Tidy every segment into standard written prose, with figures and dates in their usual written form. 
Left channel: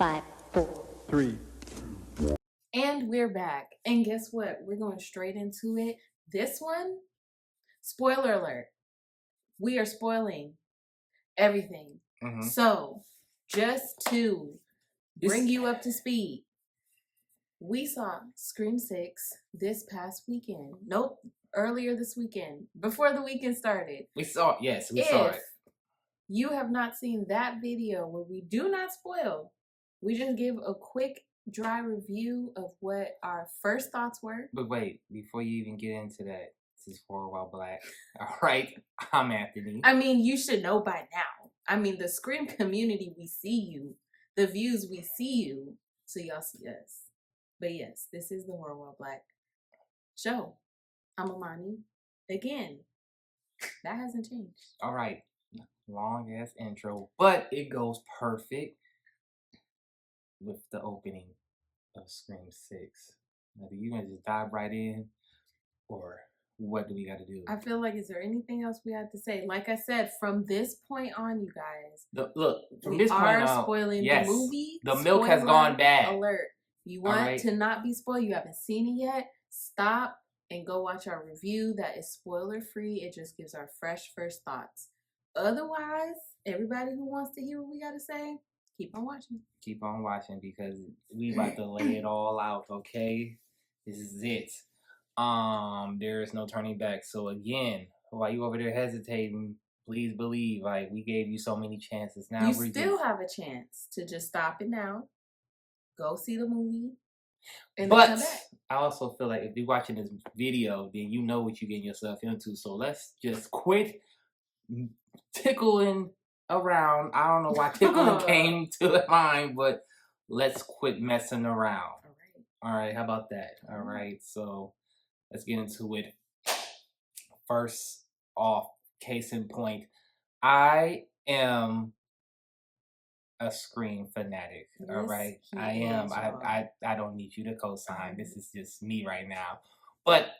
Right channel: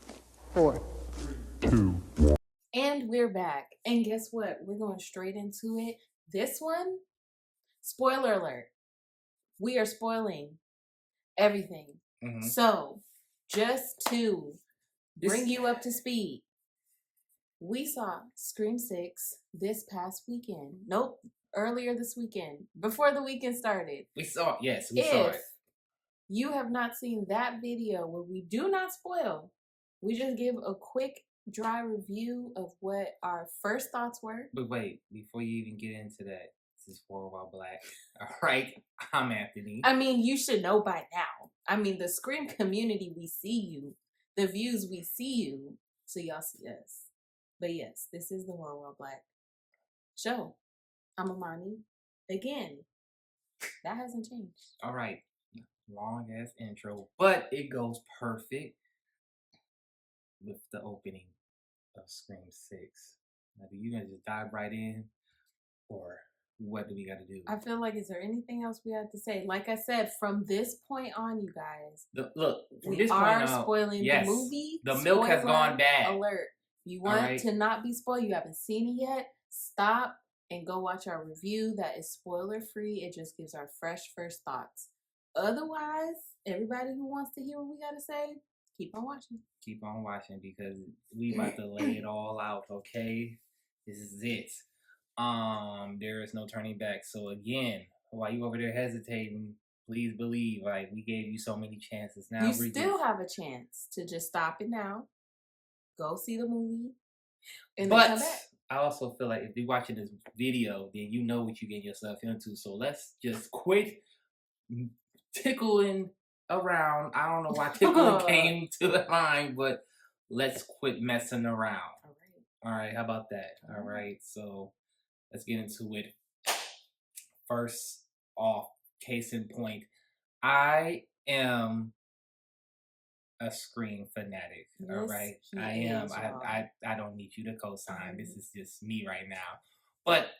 5, 4, 3, 2. And we're back. And guess what? We're going straight into it. This one, spoiler alert. We are spoiling everything. Mm-hmm. So, just to bring you up to speed, we saw Scream 6 this past weekend. Nope, earlier this weekend, before the weekend started. We saw it. If you have not seen that video where we do not spoil, we just give a quick dry review of what our first thoughts were. But wait, before you even get into that, this is For a While Black. All right, I'm Anthony. I mean, you should know by now. I mean, the Scream community, we see you. The views, we see you. So y'all see us. But yes, this is the For a While Black show. I'm Amani. Again, that hasn't changed. All right, long ass intro, but it goes perfect with the opening of Scream 6. Now, do you want to just dive right in, or what do we got to do? I feel like, is there anything else we have to say? Like I said, from this point on, you guys, From we this point are on, spoiling yes, the movie. the milk has gone bad. Alert. You want to not be spoiled, you haven't seen it yet, stop and go watch our review. That is spoiler free. It just gives our fresh first thoughts. Otherwise, everybody who wants to hear what we got to say, keep on watching. Keep on watching, because we about to lay it all out, okay? This is it. There is no turning back. So again, while you over there hesitating, please believe, like, we gave you so many chances. Now you still have a chance to just stop it now, go see the movie, and then come back. I also feel like if you're watching this video, then you know what you're getting yourself into. So let's just quit tickling around. I don't know why tickling came to the mind, but let's quit messing around. All right, how about that? All right, so let's get into it. First off, case in point, I am a Scream fanatic. Yes, all right, I am. I don't need you to co-sign. This is just me right now. But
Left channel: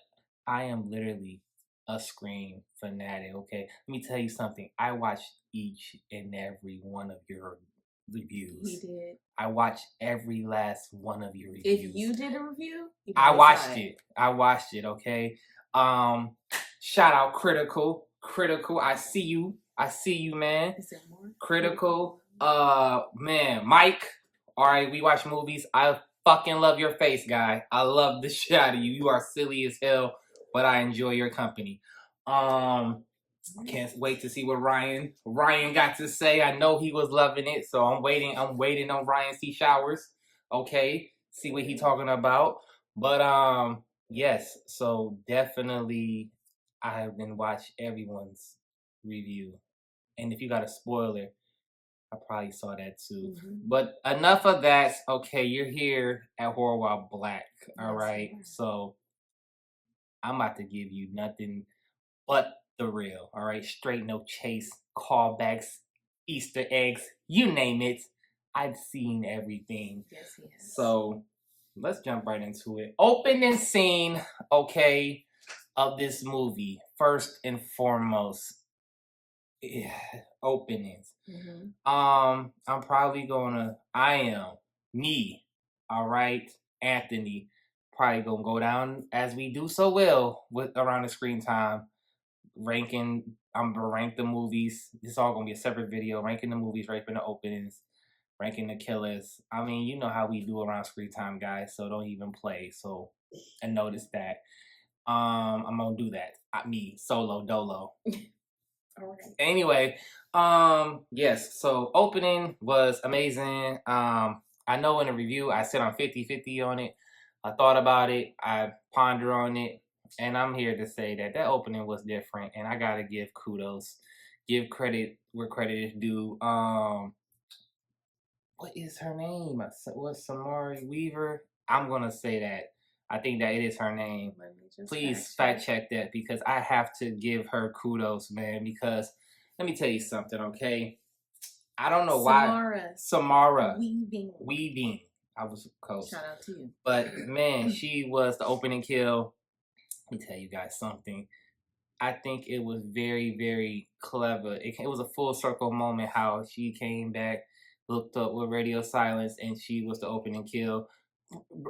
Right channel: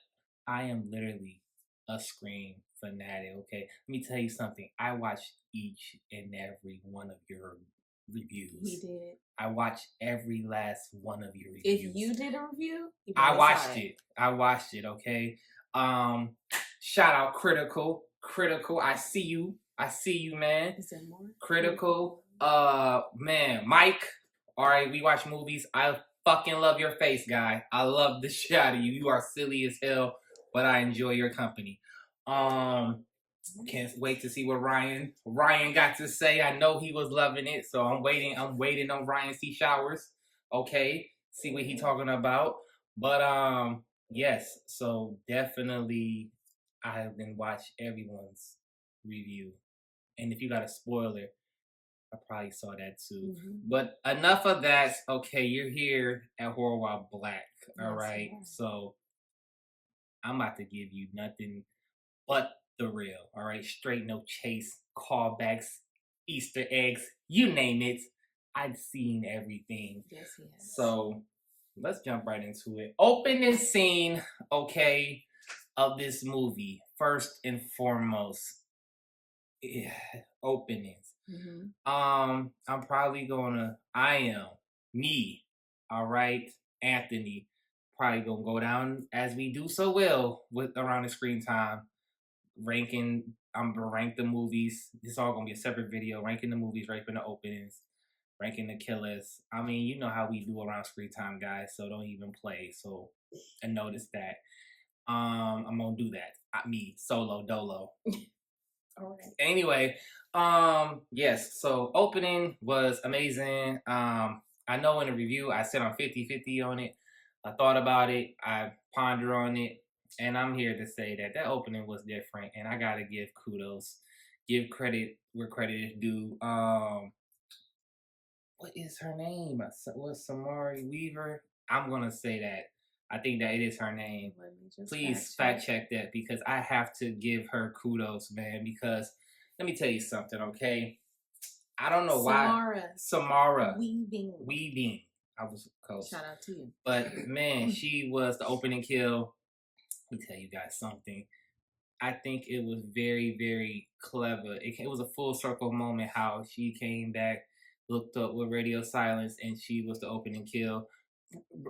I am literally a Scream fanatic. Okay, let me tell you something. I watched each and every one of your reviews. He did. I watched every last one of your reviews. If you did a review, I watched it. I watched it. Okay. Shout out Critical. I see you, man. Is there more? Critical. Man, Mike. All right, we watch movies. I fucking love your face, guy. I love the shit out of you. You are silly as hell, but I enjoy your company. Can't wait to see what Ryan got to say. I know he was loving it, so I'm waiting on Ryan C. Showers. Okay, see what he talking about. But yes, so definitely I've been watched everyone's review, and if you got a spoiler, I probably saw that too. Mm-hmm. But enough of that. Okay, you're here at For a While Black. All right, so I'm about to give you nothing but the real. All right, straight, no chase, callbacks, Easter eggs, you name it. I've seen everything. Yes, yes. So let's jump right into it. Opening scene, okay, of this movie. First and foremost, openings. Mm-hmm. I am me. All right, Anthony. Probably gonna go down as we do so well with around the screen time. I'm gonna rank the movies. This is all gonna be a separate video. Ranking the movies, ranking the openings, ranking the killers. I mean, you know how we do around screen time, guys. So don't even play. So, and notice that. I'm gonna do that. Me solo dolo. All right. Anyway, yes. So opening was amazing. I know in the review I said I'm 50-50 on it. I thought about it. I pondered on it. And I'm here to say that opening was different, and I gotta give kudos, give credit where credit is due. What is her name? Was Samari Weaver? I'm gonna say that. I think that it is her name. Please fact check that, because I have to give her kudos, man. Because let me tell you something, okay? I don't know why Samara Weaving. I was close. Shout out to you. But man, she was the opening kill. Let me tell you guys something. I think it was very, very clever. It was a full circle moment how she came back hooked up with Radio Silence, and she was the opening kill.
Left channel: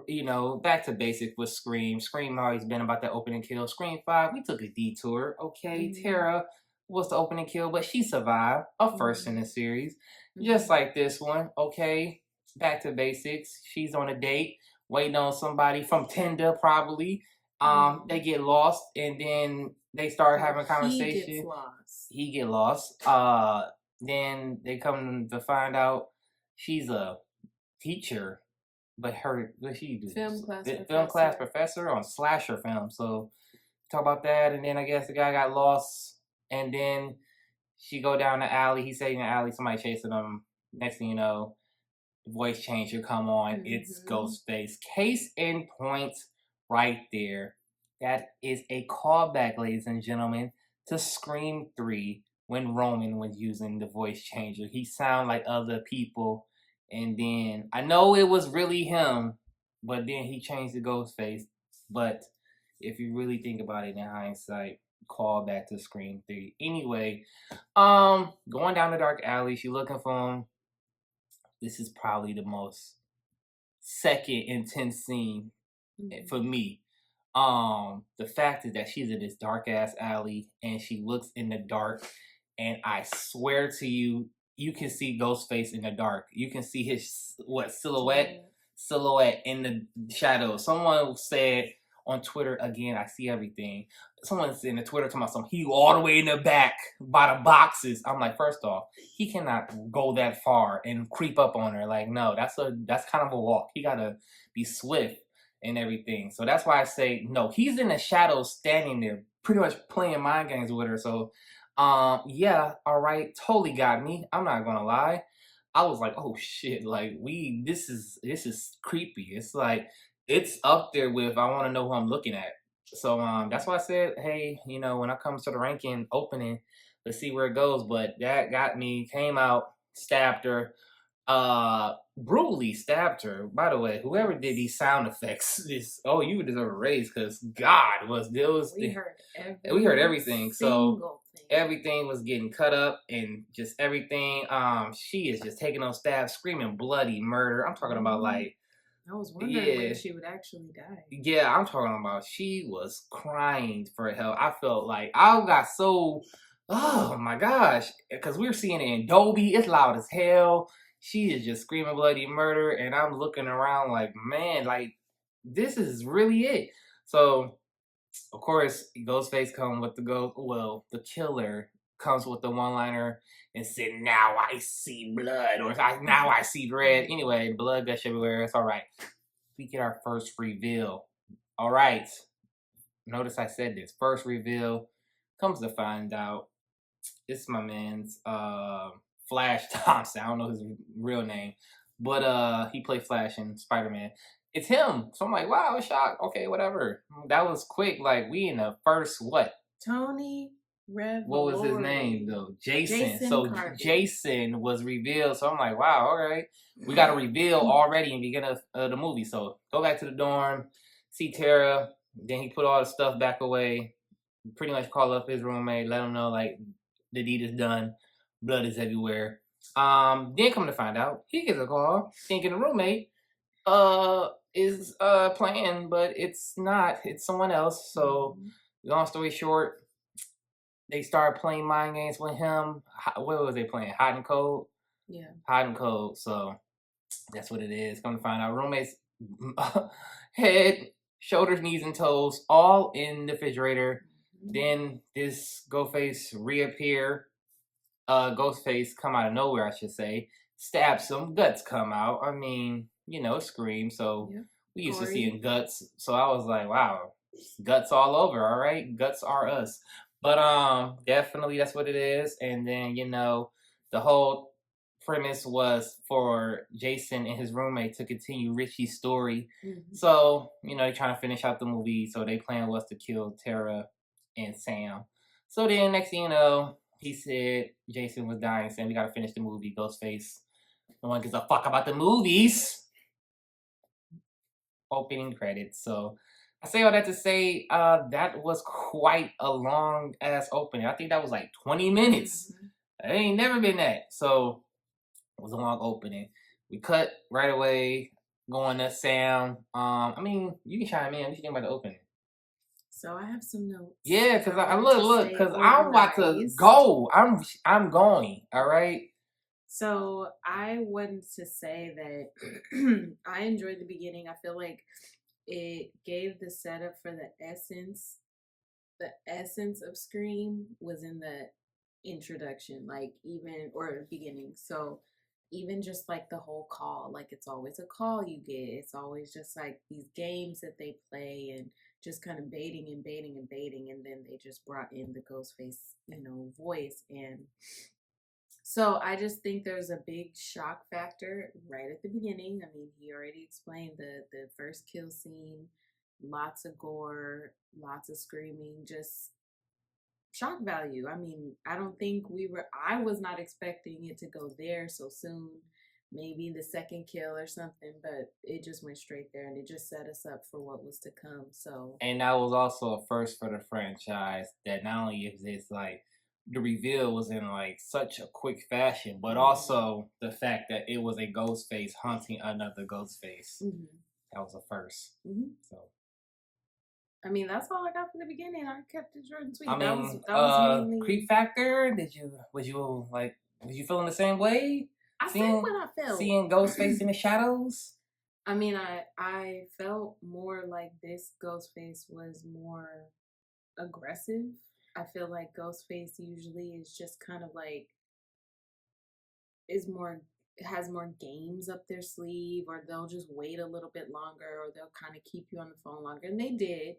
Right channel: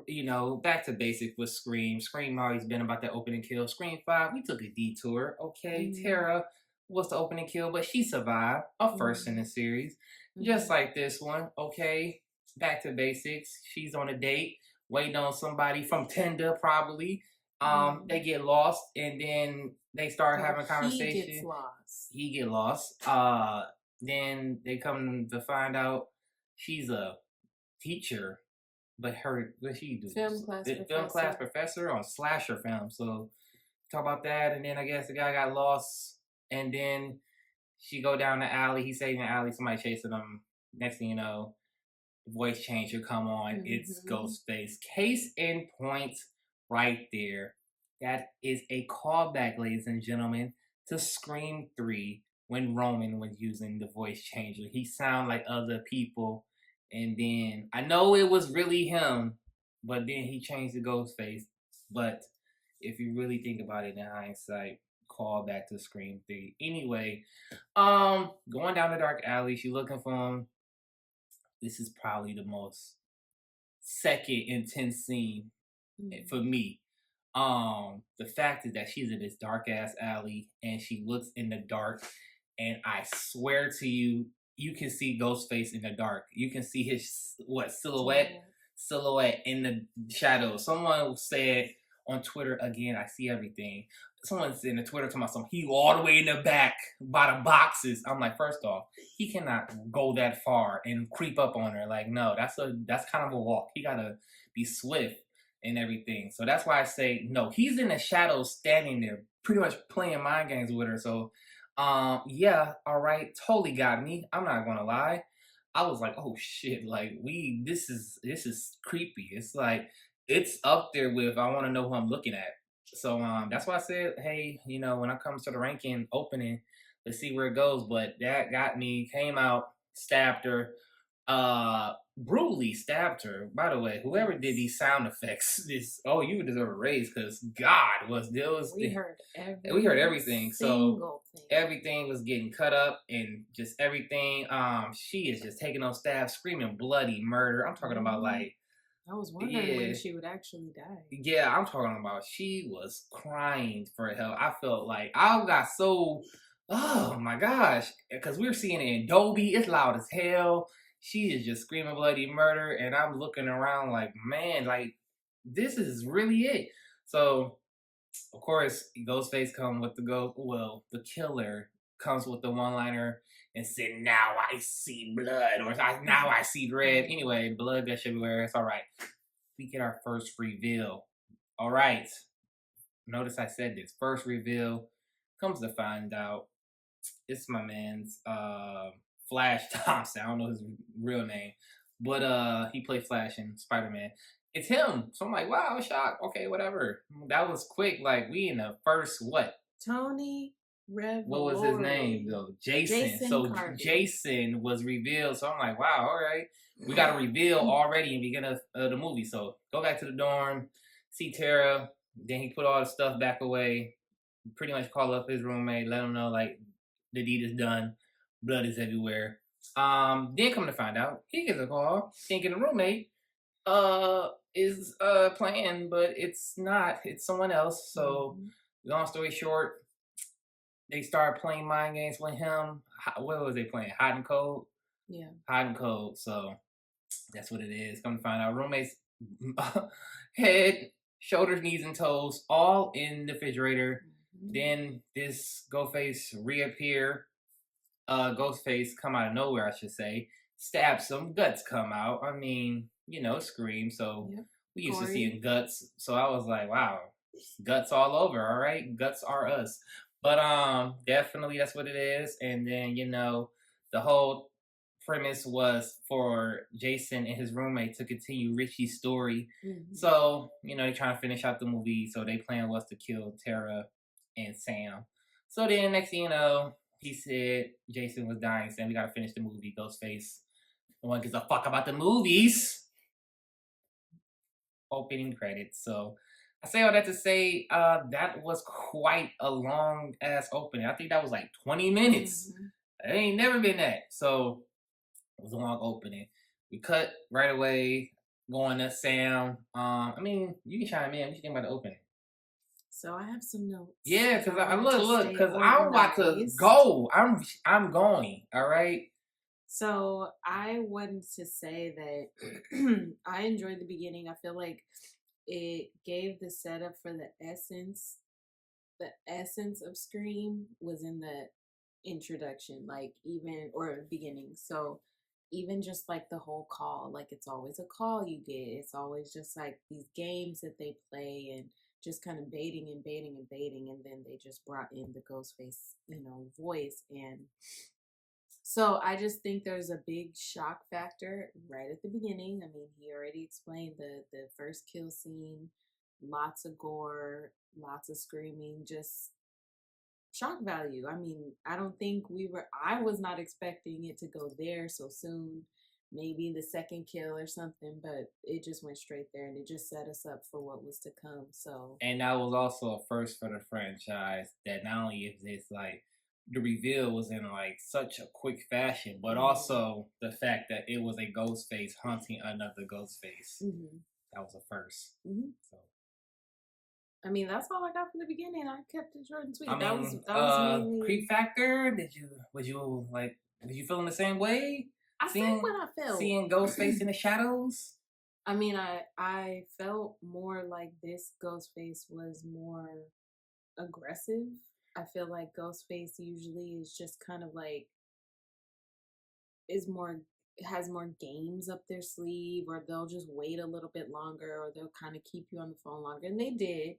You know, back to basic with Scream. Scream always been about the opening kill. Scream 5, we took a detour. Okay, Tara was the opening kill, but she survived. A first in the series. Just like this one. Okay, back to basics. She's on a date, waiting on somebody from Tinder, probably. They get lost, and then they start having a conversation. He get lost. Then they come to find out she's a teacher, but what she do? Film class professor on slasher film. So talk about that, and then I guess the guy got lost, and then she go down the alley. He say in the alley, somebody chasing him. Next thing you know, the voice changer come on. It's Ghostface. Case in point, right there. That is a callback, ladies and gentlemen, to Scream 3 when Roman was using the voice changer. He sounded like other people, and then I know it was really him, but then he changed to Ghostface. But if you really think about it in hindsight, call back to Scream 3. Anyway, going down the dark alley, she looking for him. This is probably the most second intense scene for me. The fact is that she's in this dark ass alley and she looks in the dark, and I swear to you, you can see Ghostface in the dark. You can see his silhouette in the shadows. Someone said on Twitter, again, I see everything. Someone's in the Twitter talking about he all the way in the back by the boxes. I'm like, first off, he cannot go that far and creep up on her. Like, no, that's kind of a walk. He gotta be swift and everything. So that's why I say no. He's in the shadows, standing there, pretty much playing mind games with her. So, yeah, all right, totally got me. I'm not gonna lie. I was like, oh shit, like this is creepy. It's like it's up there with I want to know who I'm looking at. So that's why I said, hey, you know, when I come to the ranking opening, let's see where it goes. But that got me. Came out, stabbed her. Brutally stabbed her. By the way, whoever did these sound effects, you deserve a raise, because God we heard everything. So everything was getting cut up and just everything. She is just taking those stabs, screaming bloody murder. I'm talking about like. I was wondering when she would actually die. Yeah, I'm talking about she was crying for help. I felt like I got so, oh my gosh, because we were seeing it in Dolby. It's loud as hell. She is just screaming bloody murder, and I'm looking around like, man, like this is really it. So, of course, Ghostface comes with the killer comes with the one-liner and said, "Now I see blood," or "Now I see red." Anyway, blood gush everywhere. It's all right. We get our first reveal. All right. Notice I said this. First reveal. Comes to find out, it's my man's Flash Thompson. I don't know his real name, but he played Flash in Spider-Man. It's him. So I'm like, wow, shock. Okay, whatever. That was quick. Like, we in the first what? Tony Revolori. What was his name though? Jason. So Carvey. Jason was revealed. So I'm like, wow, all right. We got a reveal already in the beginning of the movie. So go back to the dorm, see Tara. Then he put all the stuff back away. Pretty much call up his roommate, let him know like the deed is done. Blood is everywhere. Then come to find out, he gets a call. Thinking the roommate is playing, but it's not. It's someone else. So long story short, they started playing mind games with him. What was they playing? Hot and cold? Yeah. Hot and cold. So that's what it is. Come to find out, roommates head, shoulders, knees, and toes all in the refrigerator. Then this Ghostface reappear. Ghostface come out of nowhere, I should say. Stab some guts come out. I mean, you know, Scream. So we used to seeing guts. So I was like, wow, guts all over. All right, guts are us. But definitely that's what it is. And then, you know, the whole premise was for Jason and his roommate to continue Richie's story. So, you know, they're trying to finish out the movie. So their plan was to kill Tara and Sam. So then next thing you know, he said Jason was dying, saying we gotta finish the movie. Ghostface, no one gives a fuck about the movies. Opening credits. So I say all that to say that was quite a long ass opening. I think that was like 20 minutes. It ain't never been that. So It was a long opening. We cut right away, going to Sam. I mean, you can chime in. What you think about the opening? So I have some notes. Yeah, because I wanted to look, stay because I'm about to organized. go. I'm going. All right. So I wanted to say that I enjoyed the beginning. I feel like it gave the setup for the essence. The essence of Scream was in the introduction, like even or beginning. So even just like the whole call, like it's always a call you get. It's always just like these games that they play and just kind of baiting and baiting and baiting, and then they just brought in the Ghostface, voice. And so I just think there's a big shock factor right at the beginning. I mean, he already explained the first kill scene, lots of gore, lots of screaming, just shock value. I mean, I don't think I was not expecting it to go there so soon. Maybe the second kill or something, but it just went straight there and it just set us up for what was to come. So, And that was also a first for the franchise. That not only is it's like the reveal was in like such a quick fashion, but also the fact that it was a Ghostface hunting another Ghostface. That was a first. So. I mean, that's all I got from the beginning. I kept it short and sweet. I mean, that was mainly creep factor. Was you feeling the same way? I felt what I felt. Seeing Ghostface in the shadows. I mean, I felt more like this Ghostface was more aggressive. I feel like Ghostface usually is just kind of like has more games up their sleeve, or they'll just wait a little bit longer, or they'll kind of keep you on the phone longer, and they did.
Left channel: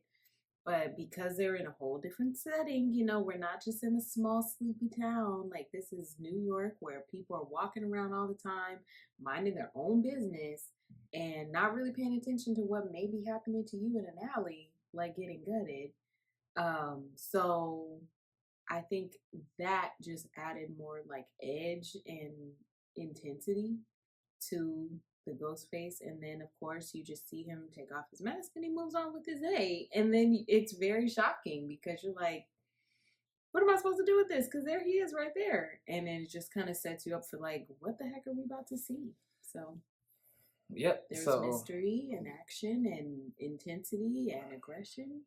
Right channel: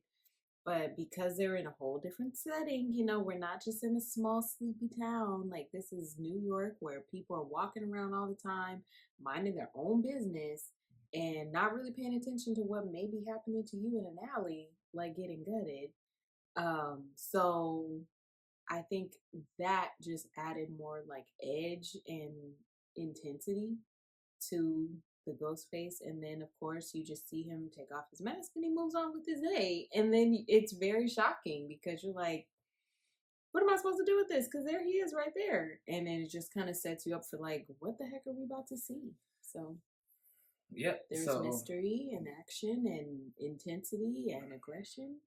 But because they're in a whole different setting, we're not just in a small sleepy town. Like, this is New York, where people are walking around all the time, minding their own business and not really paying attention to what may be happening to you in an alley, like getting gutted. So I think that just added more like edge and intensity to the ghost face. And then of course you just see him take off his mask and he moves on with his day. And then it's very shocking because you're like, what am I supposed to do with this? Because there he is right there. And then it just kind of sets you up for like, what the heck are we about to see? So yep, there's mystery and action and intensity and aggression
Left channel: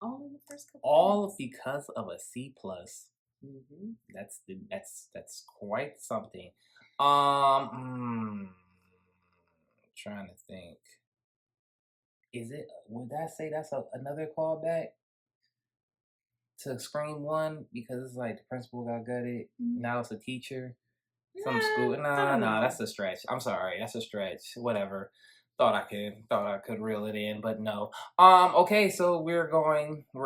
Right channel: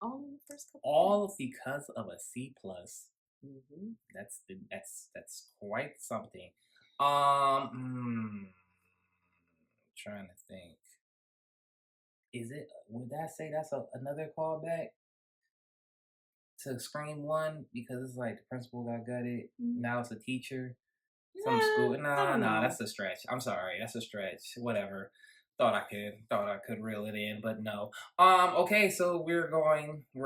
all in the first couple all minutes. Because of a C+. That's quite something. Trying to think. Would that say that's another callback to Scream 1? Because it's like the principal got gutted. Now it's a teacher. Some school. No, that's a stretch. I'm sorry, that's a stretch. Whatever. Thought I could reel it in, but no. Okay, so we're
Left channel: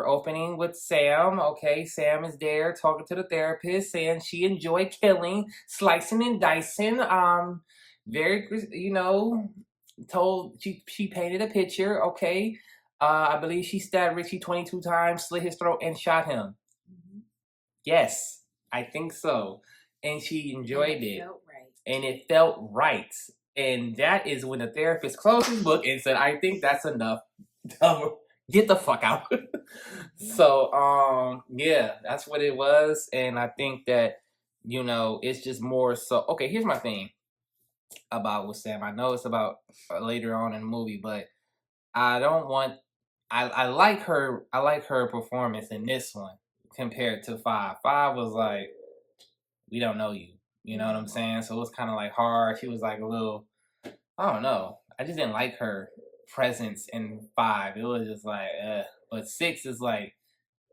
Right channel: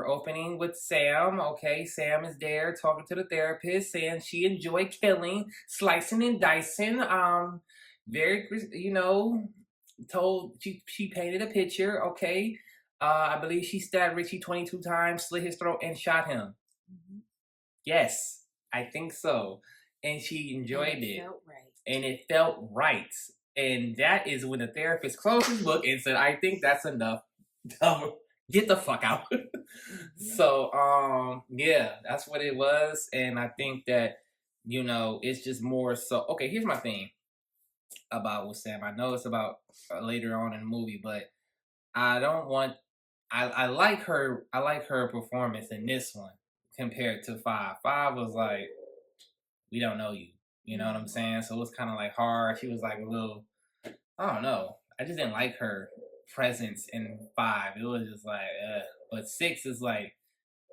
opening with Sam. Okay, Sam is there talking to the therapist, saying she enjoyed killing, slicing and dicing. Very, told she painted a picture. Okay, I believe she stabbed Richie 22 times, slit his throat, and shot him. Yes, I think so. And she enjoyed it. And it felt right. And that is when the therapist closed his book and said, I think that's enough. Get the fuck out. So, yeah, that's what it was. And I think that, it's just more so. Okay, here's my thing about with Sam. I know it's about later on in the movie, but I like her performance in this one compared to 5. 5 was like, we don't know you. You know what I'm saying? So it was kind of like hard. She was like a little, I don't know. I just didn't like her presence in 5. It was just like, But 6 is like,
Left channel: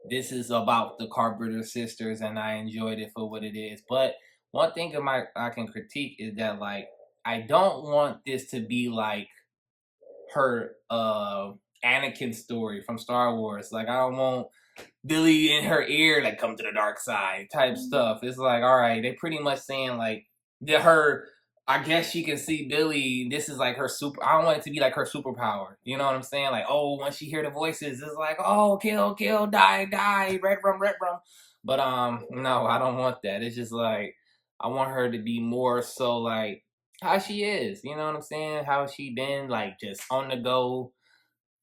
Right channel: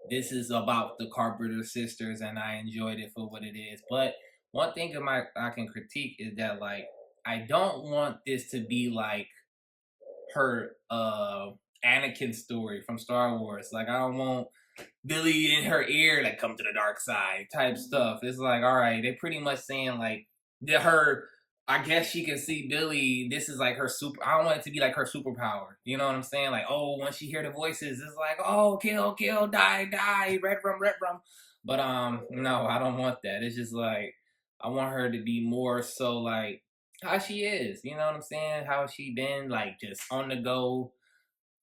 this is about the Carpenter sisters, and I enjoyed it for what it is. But one thing I can critique is that, like, I don't want this to be like her Anakin story from Star Wars. Like, I don't want Billy in her ear, like, come to the dark side type stuff. It's like, all right, they pretty much saying like I guess she can see Billy. This is like her super. I don't want it to be like her superpower. You know what I'm saying? Like, oh, once she hear the voices, it's like, oh, kill, die, red rum. But no, I don't want that. It's just like I want her to be more so like how she is. You know what I'm saying? How she been like just on the go.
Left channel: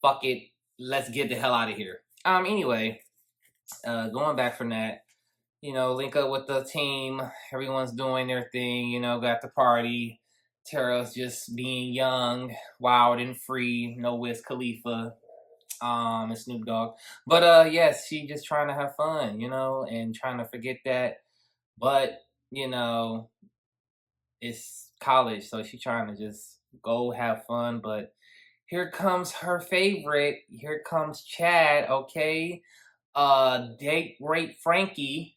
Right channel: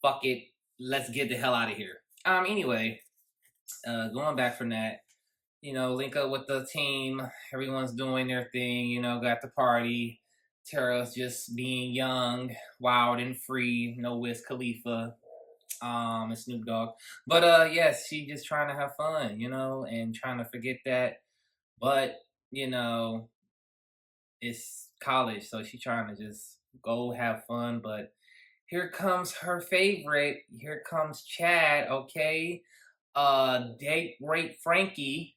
Fuck it, let's get the hell out of here. Anyway. Going back from that, link up with the team. Everyone's doing their thing, got the party. Tara's just being young, wild and free. No Wiz Khalifa, and Snoop Dogg. But yes, she just trying to have fun, and trying to forget that. But, it's college, so she's trying to just go have fun. But here comes her favorite. Here comes Chad, okay? Date rape Frankie.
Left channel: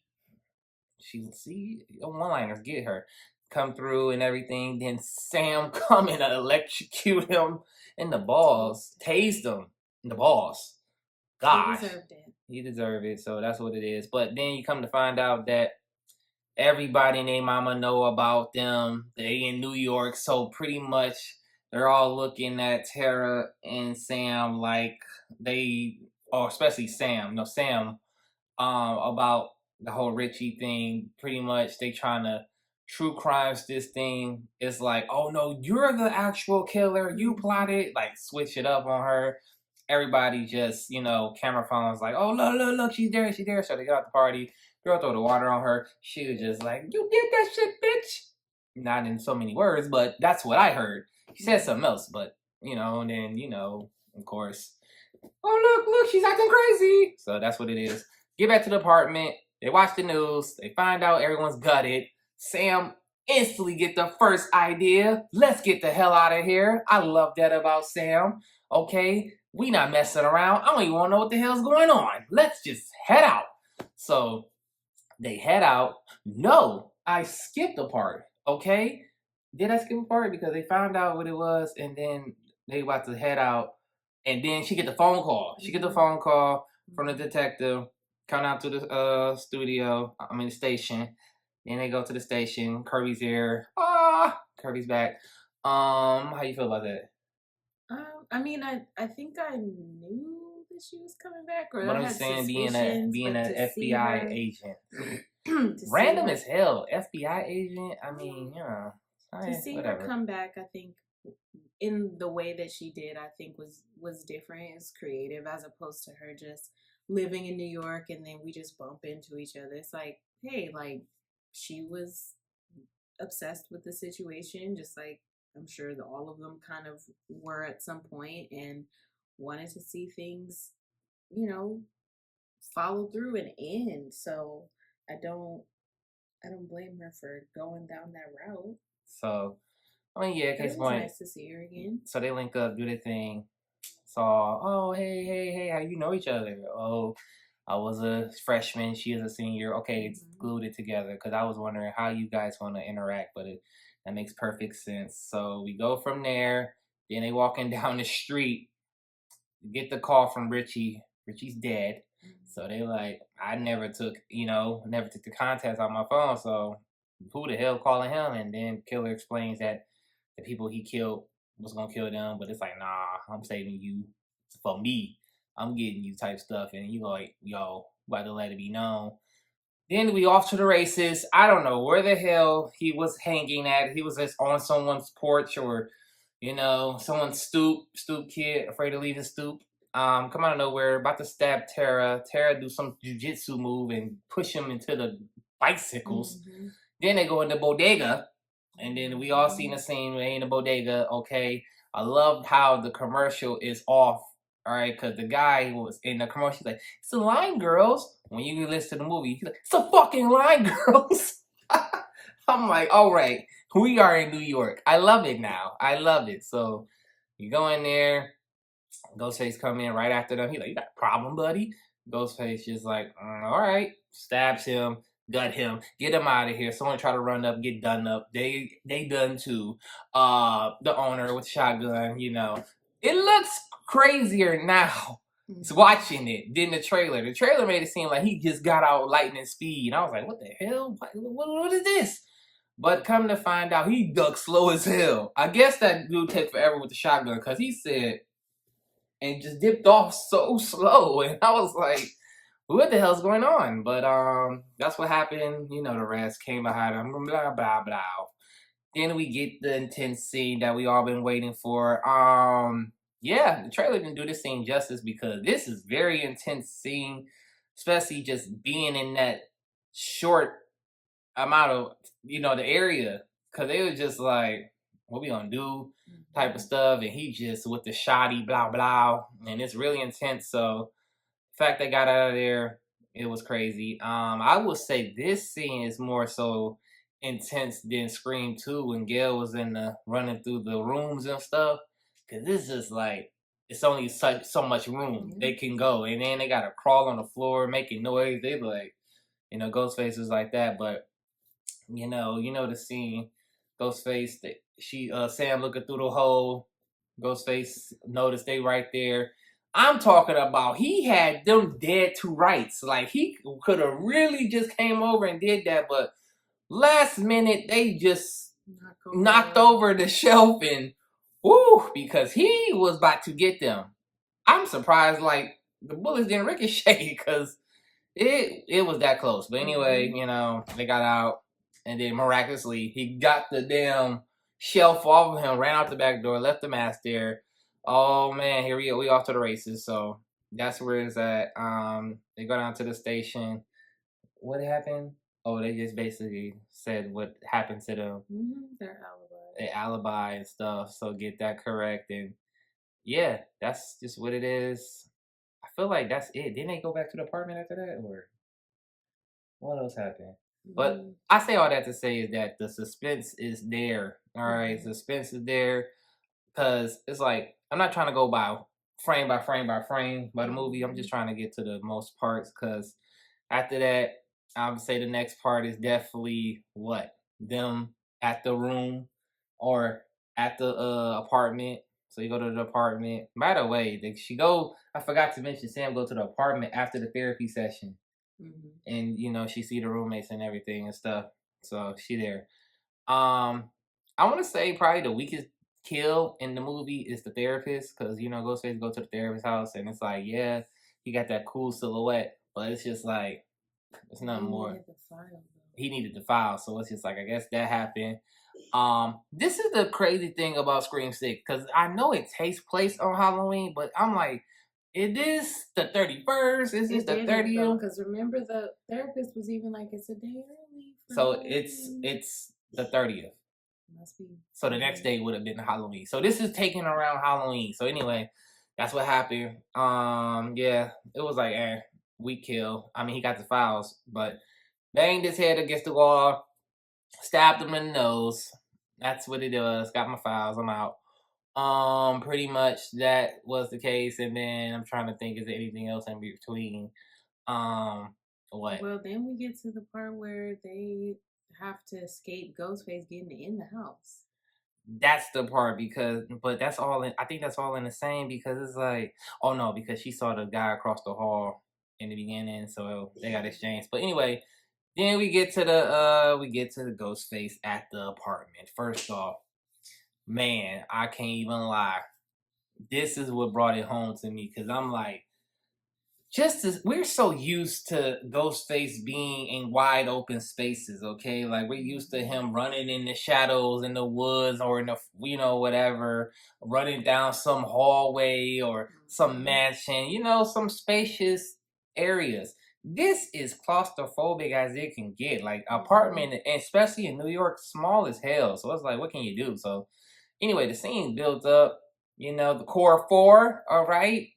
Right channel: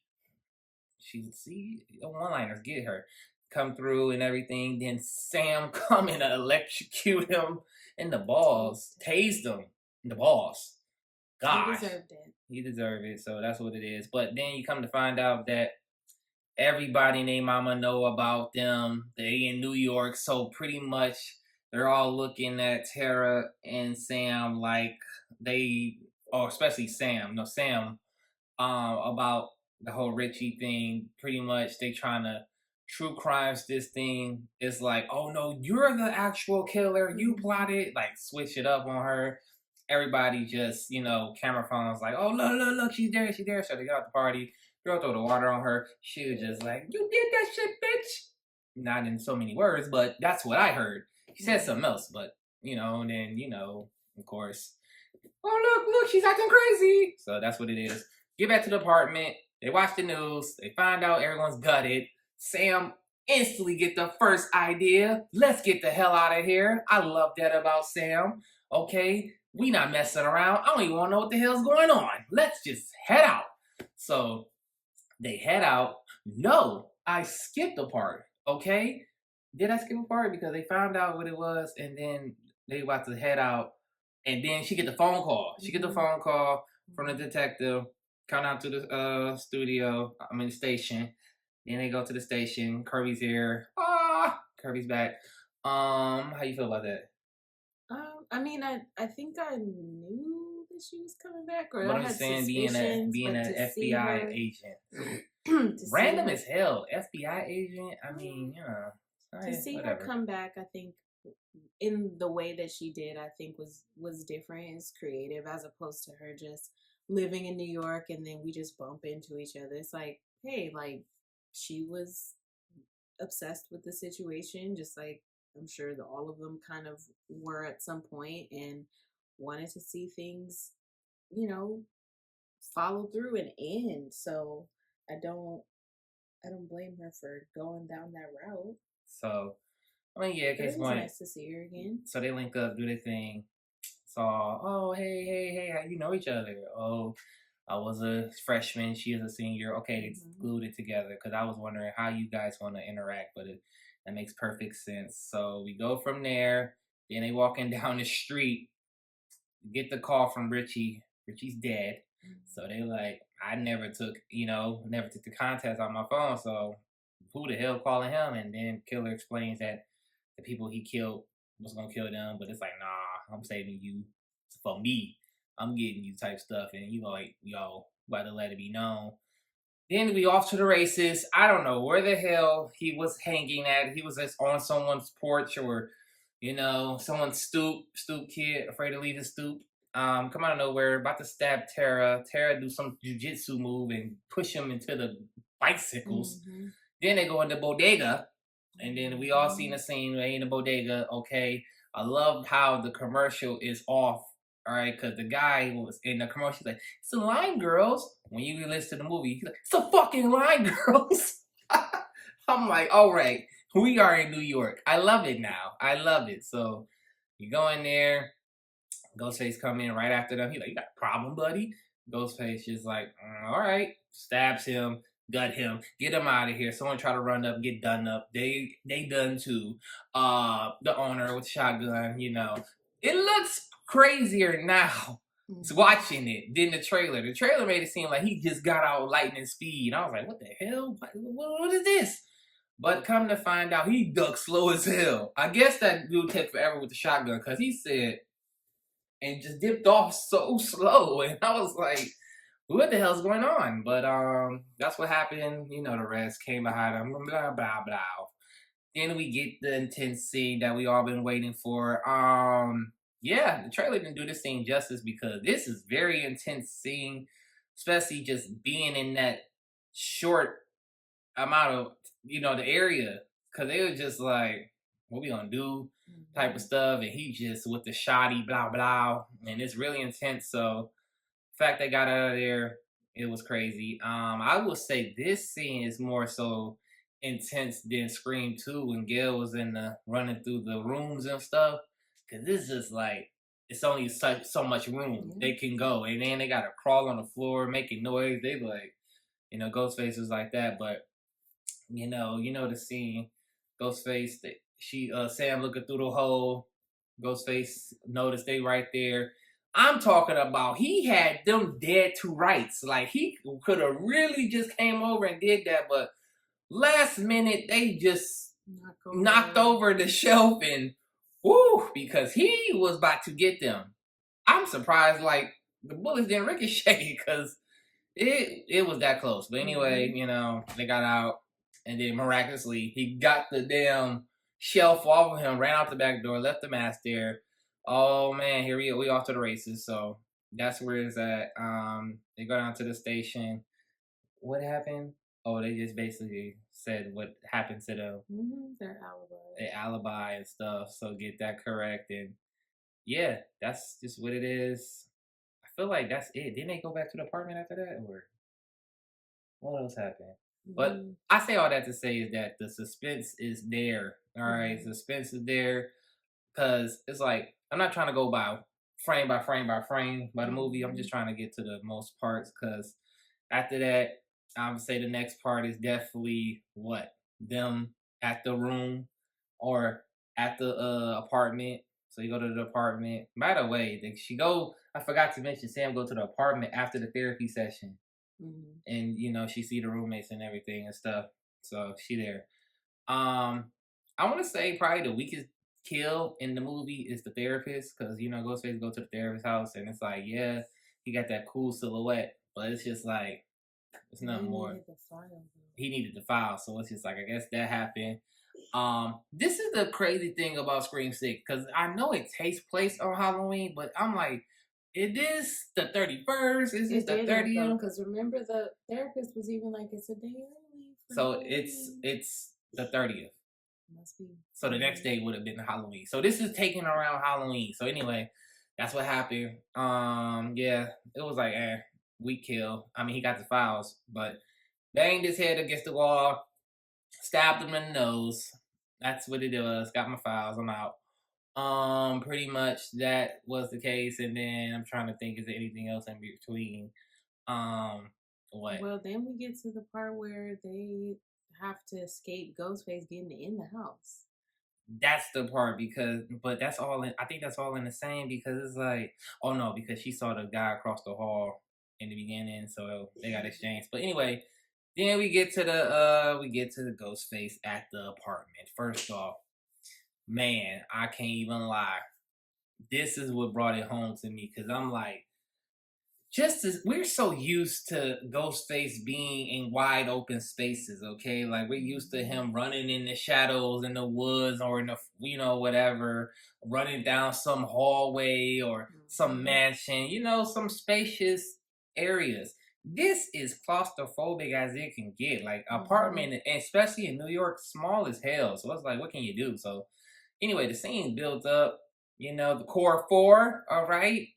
One-liners get her. Come through and everything. Then Sam come and electrocute him in the balls. Tased him in the balls. Gosh. He deserved it. He deserved it, so that's what it is. But then you come to find out that everybody and their mama know about them. They in New York, so pretty much they're all looking at Tara and Sam like especially Sam. No, Sam, about the whole Richie thing. Pretty much they trying to true crimes this thing. It's like, oh no, you're the actual killer. You plotted. Like switch it up on her. Everybody just, camera phones like, oh look, she's there. So they got out the party. Girl throw the water on her. She was just like, you did that shit, bitch. Not in so many words, but that's what I heard. She said something else, but, and then, of course, oh, look, she's acting crazy. So that's what it is. Get back to the apartment. They watch the news. They find out everyone's gutted. Sam instantly get the first idea. Let's get the hell out of here. I love that about Sam. Okay, we not messing around. I don't even want to know what the hell's going on. Let's just head out. So they head out. No, I skipped a part. Okay, did I skip a part? Because they found out what it was, and then they about to head out, and then she get the phone call. She get the phone call from the detective. Come out to the the station. Then they go to the station. Kirby's there. Kirby's back. How you feel about that? I think I knew that she was coming back, or But I I'm had saying being an FBI agent, random as hell. FBI agent. I mean, to see whatever. her come back, I think in the way that she did, I think was different. It's creative as opposed to her just living in New York and then we just bump into each other. It's like, hey, like she was obsessed with the situation, just like I'm sure that all of them kind of were at some point, and wanted to see things, follow through and end. So I don't blame her for going down that route. So yeah, it was nice to see her again. So they link up, do their thing. So, oh, hey, how you know each other? Oh, I was a freshman, she is a senior. Okay, it's glued it together because I was wondering how you guys want to interact, but that makes perfect sense. So we go from there. Then they walking down the street, get the call from Richie. Richie's dead. So they like, I never took the contacts on my phone. So who the hell calling him? And then killer explains that the people he killed was gonna kill them, but it's like, nah, I'm saving you for me. I'm getting you type stuff, and you like, yo, about to let it be known. Then we off to the races. I don't know where the hell he was hanging at. He was just on someone's porch or, someone's stoop kid, afraid to leave his stoop. Come out of nowhere, about to stab Tara. Tara do some jujitsu move and push him into the bicycles. Then they go in the bodega, and then we all seen the scene. They in the bodega. Okay, I love how the commercial is off. All right, because the guy was in the commercial. He's like, "It's the Line Girls." When you listen to the movie, he's like, "It's the fucking Line Girls." I'm like, all right, we are in New York. I love it now. I love it. So you go in there. Ghostface come in right after them. He's like, "You got a problem, buddy?" Ghostface just like, all right, stabs him, gut him, get him out of here. Someone try to run up, get done up. They done too. The owner with shotgun, It looks crazier now. It's watching it than the trailer. The trailer made it seem like he just got out lightning speed. I was like, what the hell? What is this? But come to find out, he ducked slow as hell. I guess that dude took forever with the shotgun because he said, and just dipped off so slow. And I was like, what the hell's going on? But that's what happened. The rest came behind him. Blah, blah, blah. Then we get the intense scene that we all been waiting for. Yeah, the trailer didn't do this scene justice because this is very intense scene, especially just being in that short amount of, the area, because they were just like, what we gonna do type of stuff, and he just with the shoddy blah blah, and it's really intense. So the fact they got out of there, it was crazy. I would say this scene is more so intense than Scream 2 when Gail was in the running through the rooms and stuff, because this is like, it's only so much room they can go, and then they gotta crawl on the floor making noise. They like, Ghostface was like that. But the scene, Ghostface, Sam looking through the hole, Ghostface noticed they right there. I'm talking about, he had them dead to rights. Like, he could have really just came over and did that, but last minute they just knocked over the shelf, and because he was about to get them. I'm surprised, like, the bullets didn't ricochet, because it was that close. But anyway, they got out, and then miraculously he got the damn shelf off of him, ran out the back door, left the mask there. Oh man, here we go. We off to the races. So that's where it's at. They go down to the station. What happened? Oh, they just basically said what happened to them. Their alibi. Their alibi and stuff. So get that correct. And yeah, that's just what it is. I feel like that's it. Didn't they go back to the apartment after that? Or what else happened? But I say all that to say is that the suspense is there. All right, suspense is there, because it's like, I'm not trying to go by frame by frame by frame by the movie. I'm just trying to get to the most parts, because after that, I would say the next part is definitely them at the room or at the apartment. So you go to the apartment. By the way, I forgot to mention, Sam go to the apartment after the therapy session. And she see the roommates and everything and stuff. So she there. I want to say probably the weakest kill in the movie is the therapist, because Ghostface go to the therapist's house, and it's like, yeah, he got that cool silhouette, but it's just like, it's nothing more. He needed the file, so it's just like, I guess that happened. This is the crazy thing about Scream 6, because I know it takes place on Halloween, but I'm like, it is the 31st. Is this the 30th? Because remember, the therapist was even like, it's a day early. So it's the 30th. Must be. So the next day would have been Halloween. So this is taking around Halloween. So anyway, that's what happened. Yeah, it was like, weak kill. I mean, he got the files, but banged his head against the wall, stabbed him in the nose. That's what it was. Got my files. I'm out. Pretty much that was the case, and then I'm trying to think, is there anything else in between? What? Well, then we get to the part where they have to escape Ghostface getting in the house. That's the part, but that's all I think that's all in the same, because it's like, oh no, because she saw the guy across the hall in the beginning, so they got exchanged. But anyway, then we get to the Ghostface at the apartment. First off, man, I can't even lie. This is what brought it home to me, because I'm like, we're so used to Ghostface being in wide open spaces, okay? Like, we're used to him running in the shadows in the woods, or in the, whatever, running down some hallway or some mansion, some spacious areas. This is claustrophobic as it can get. Like, apartment, especially in New York, small as hell. So it's like, what can you do? So anyway, the scene builds up, the core four, all right?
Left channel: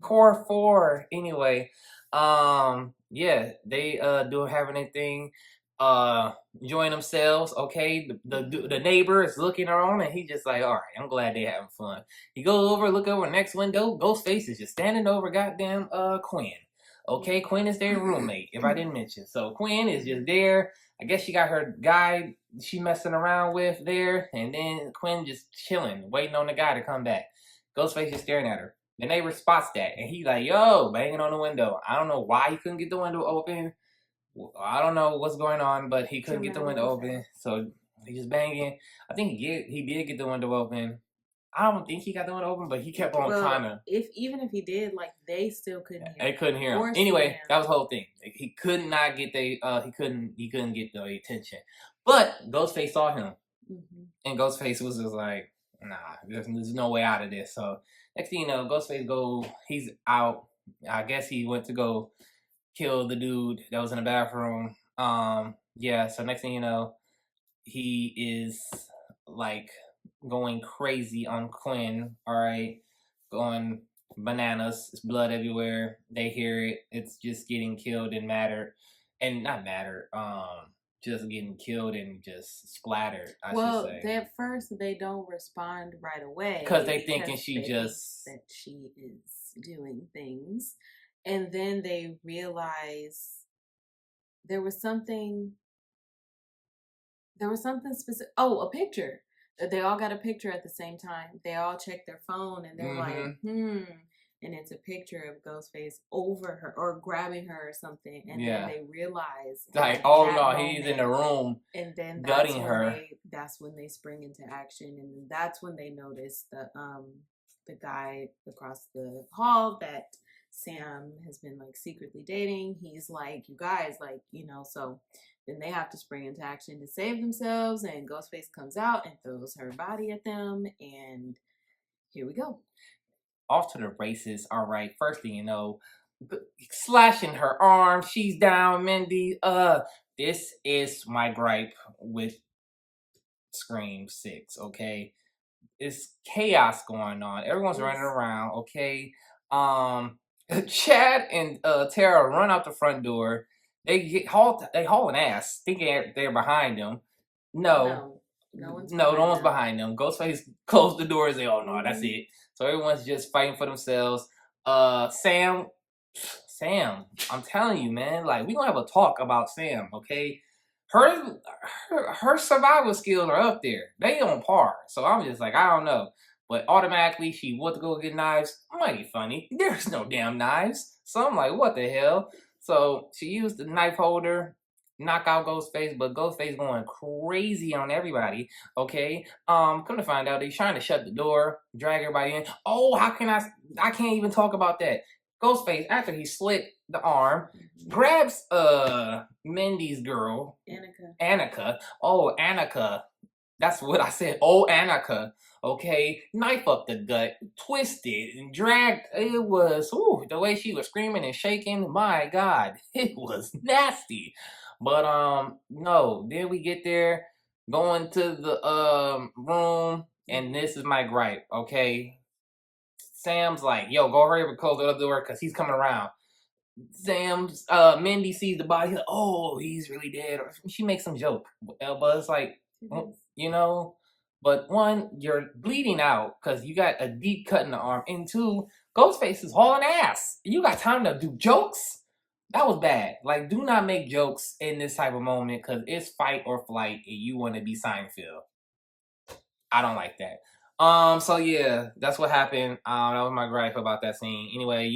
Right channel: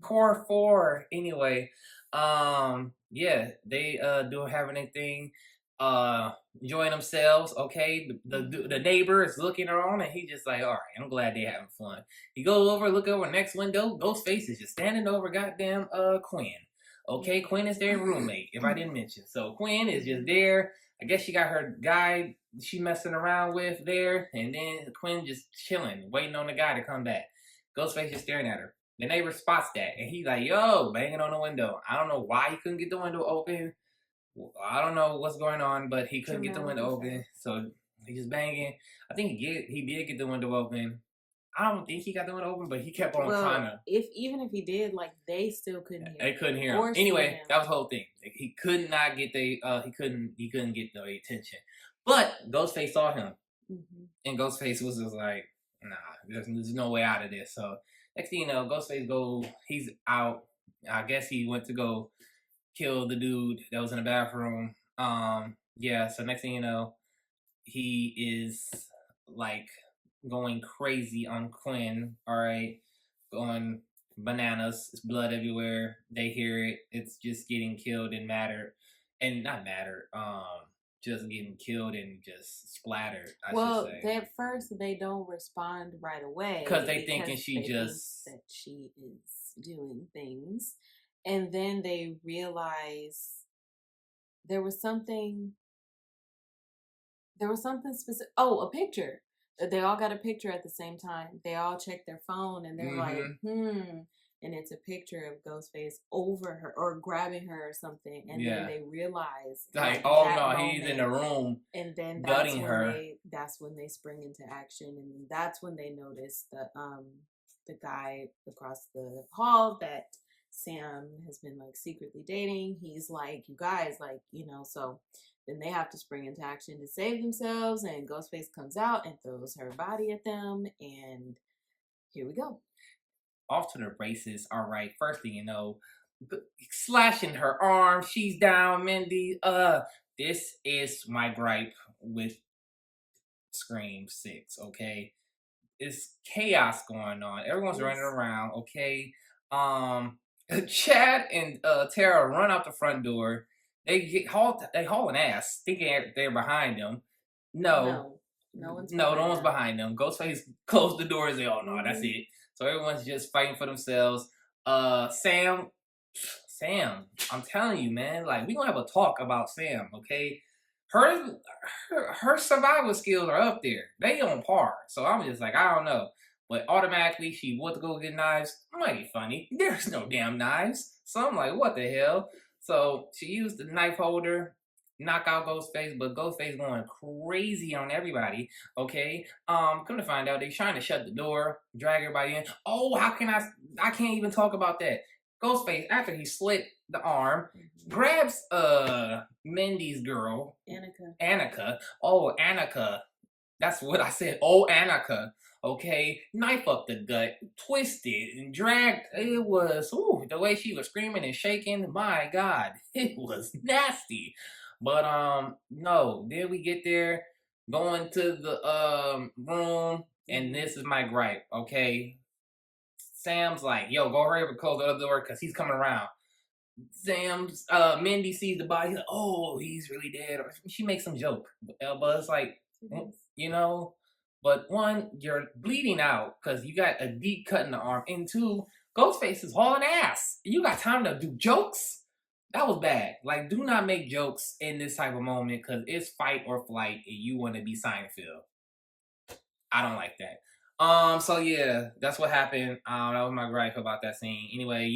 Core 4. Anyway, yeah, they doing having a thing, enjoying themselves. Okay, the neighbor is looking around, and he just like, all right, I'm glad they having fun. He goes over, look over next window. Ghostface is just standing over goddamn Quinn. Okay, Quinn is their roommate, if I didn't mention. So Quinn is just there. I guess she got her guy she messing around with there, and then Quinn just chilling, waiting on the guy to come back. Ghostface is staring at her. The neighbor spots that, and he's like, yo, banging on the window. I don't know why he couldn't get the window open. I don't know what's going on, but he couldn't get the window open. So he's just banging. I think he did get the window open. I don't think he got the window open, but he kept on trying to. Even if he did, like, they still couldn't hear him. They couldn't hear him. Anyway, that was the whole thing. He could not get he couldn't get the attention. But Ghostface saw him. And Ghostface was just like, nah, there's no way out of this. So next thing you know, Ghostface he's out. I guess he went to go kill the dude that was in the bathroom. Yeah, so next thing you know, he is like going crazy on Quinn, all right, going bananas. It's blood everywhere. They hear it. It's just getting killed and mattered, and not mattered. Just getting killed and just splattered. I Well, should say. at first they don't respond right away Because they thinking she they think just that she is doing things, and then they realize there was something specific. Oh, a picture. They all got a picture at the same time. They all check their phone and they're like, and it's a picture of Ghostface over her or grabbing her or something. And then they realize like oh that no, moment, he's in the room and then gutting her. That's when they spring into action, and that's when they notice the guy across the hall that Sam has been like secretly dating. He's like, you guys, like, so then they have to spring into action to save themselves, and Ghostface comes out and throws her body at them, and here we go. Off to the races. All right, first thing you know, slashing her arm. She's down, Mindy. This is my gripe with Scream 6, okay? It's chaos going on. Everyone's running around, okay? Chad and Tara run out the front door. They haul an ass, thinking they're behind them. No one's behind them. Ghostface closed the door and say, "Oh no, that's it." So everyone's just fighting for themselves. Sam, I'm telling you, man, like we gonna have a talk about Sam, okay? Her survival skills are up there. They on par. So I'm just like, I don't know. But automatically she went to go get knives. Might be funny. There's no damn knives. So I'm like, what the hell? So she used the knife holder, knock out Ghostface, but Ghostface going crazy on everybody. Okay. Come to find out, he's trying to shut the door, drag everybody in. Oh, I can't even talk about that. Ghostface, after he slit the arm, grabs Mindy's girl, Annika. Oh, Annika. That's what I said. Oh, Annika. Okay, knife up the gut, twisted and dragged. It was the way she was screaming and shaking. My God, it was nasty. But no. Then we get there, going to the room, and this is my gripe. Okay, Sam's like, "Yo, go hurry up and close the other door because he's coming around." Mindy sees the body. Like, oh, he's really dead. Or she makes some joke, but it's like, But one, you're bleeding out because you got a deep cut in the arm, and two, Ghostface is hauling ass. You got time to do jokes? That was bad. Like, do not make jokes in this type of moment because it's fight or flight, and you want to be Seinfeld. I don't like that. So yeah, that's what happened. That was my gripe about that scene. Anyway,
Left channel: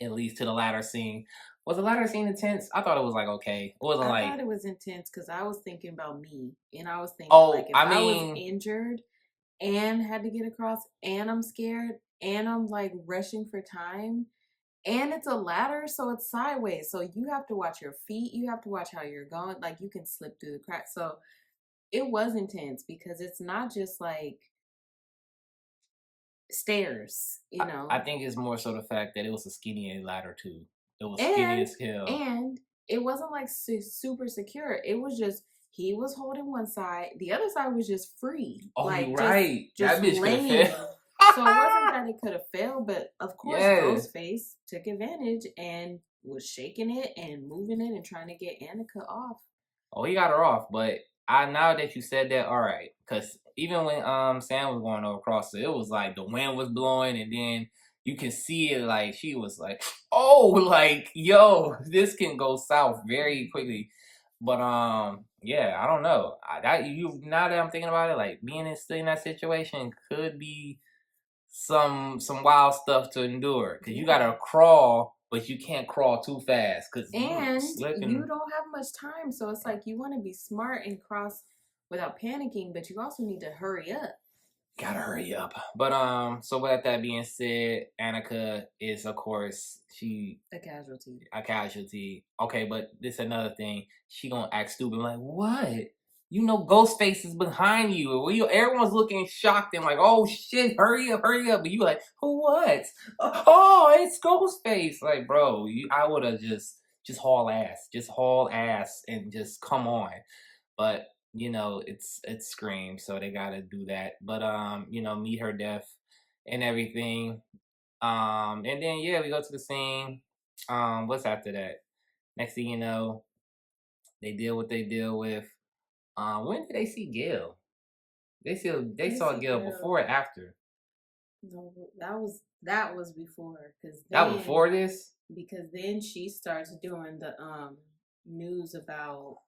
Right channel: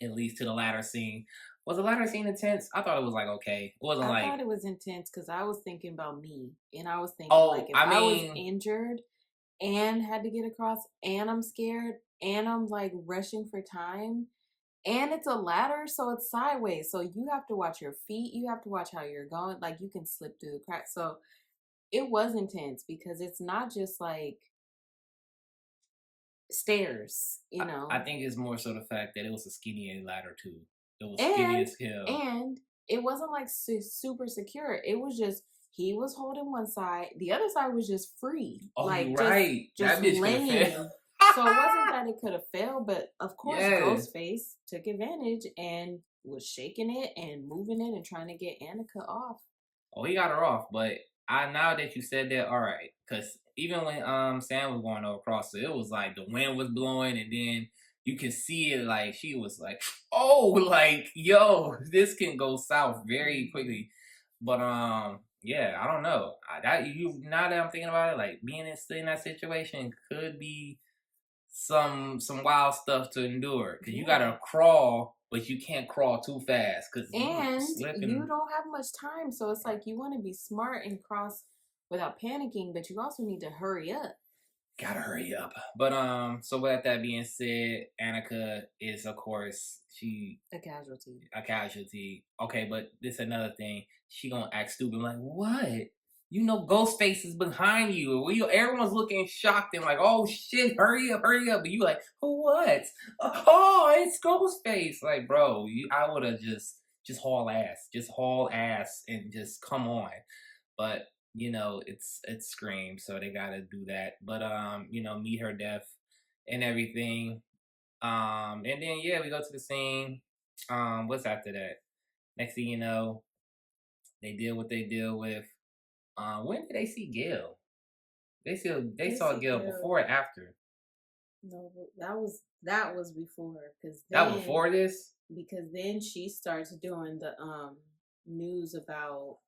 it leads to the ladder scene. Was the ladder scene intense? I thought it was like okay. It wasn't I thought it was intense because I was thinking about me, and I was thinking if I was injured and had to get across, and I'm scared, and I'm like rushing for time, and it's a ladder, so it's sideways, so you have to watch your feet, you have to watch how you're going, like you can slip through the cracks. So it was intense because it's not just like stairs, I think it's more so the fact that it was a skinny ladder too. It was skinny as hell. And it wasn't like super secure. It was just, he was holding one side, the other side was just free. Oh, like, you're right. Just that bitch laying. So it wasn't that it could have failed, but of course Ghostface took advantage and was shaking it and moving it and trying to get Annika off. Oh, he got her off, but now that you said that, all right, because even when Sam was going across it was like the wind was blowing, and then you can see it, like she was like, oh, like, yo, this can go south very quickly. But yeah, I don't know. Now that I'm thinking about it, like being still in that situation could be some wild stuff to endure because you gotta crawl, but you can't crawl too fast because you don't have much time. So it's like you want to be smart and cross without panicking, but you also need to hurry up. Gotta hurry up. But so with that being said, Annika is of course a casualty. Okay, but this another thing. She gonna act stupid like, what? you know, Ghostface is behind you. Everyone's looking shocked and like, oh shit, hurry up. But you like, who what? Oh, it's Ghostface. Like, bro, I would have just haul ass and just come on. But you know, it's Scream, so they gotta do that. But you know, meet her death and everything. And then yeah, we go to the scene. What's after that? Next thing you know, they deal what they deal with. When did they see Gail? They saw see Gail Gail. before or after? No, that was before, because That was before this? Because then she starts doing the news about.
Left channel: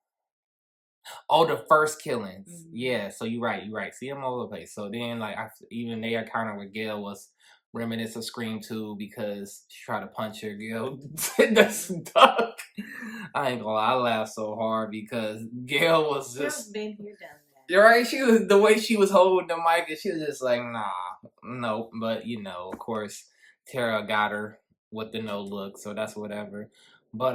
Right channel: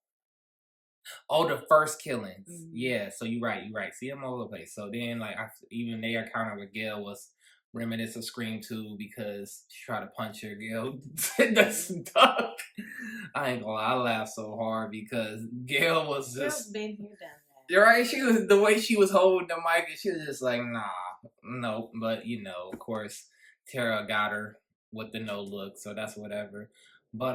Oh, the first killings. Mhm. Yeah, so you're right. See them all over the place. So then, like, even their encounter with Gail was reminiscent of Scream 2 because she tried to punch her. Gail that's duck. I ain't gonna lie, I laughed so hard because Gail was Gail's just. been here, done that. You're right. She was the way she was holding the mic, and she was just like, nah, no. But you know, of course, Tara got her with the no look, so that's whatever. But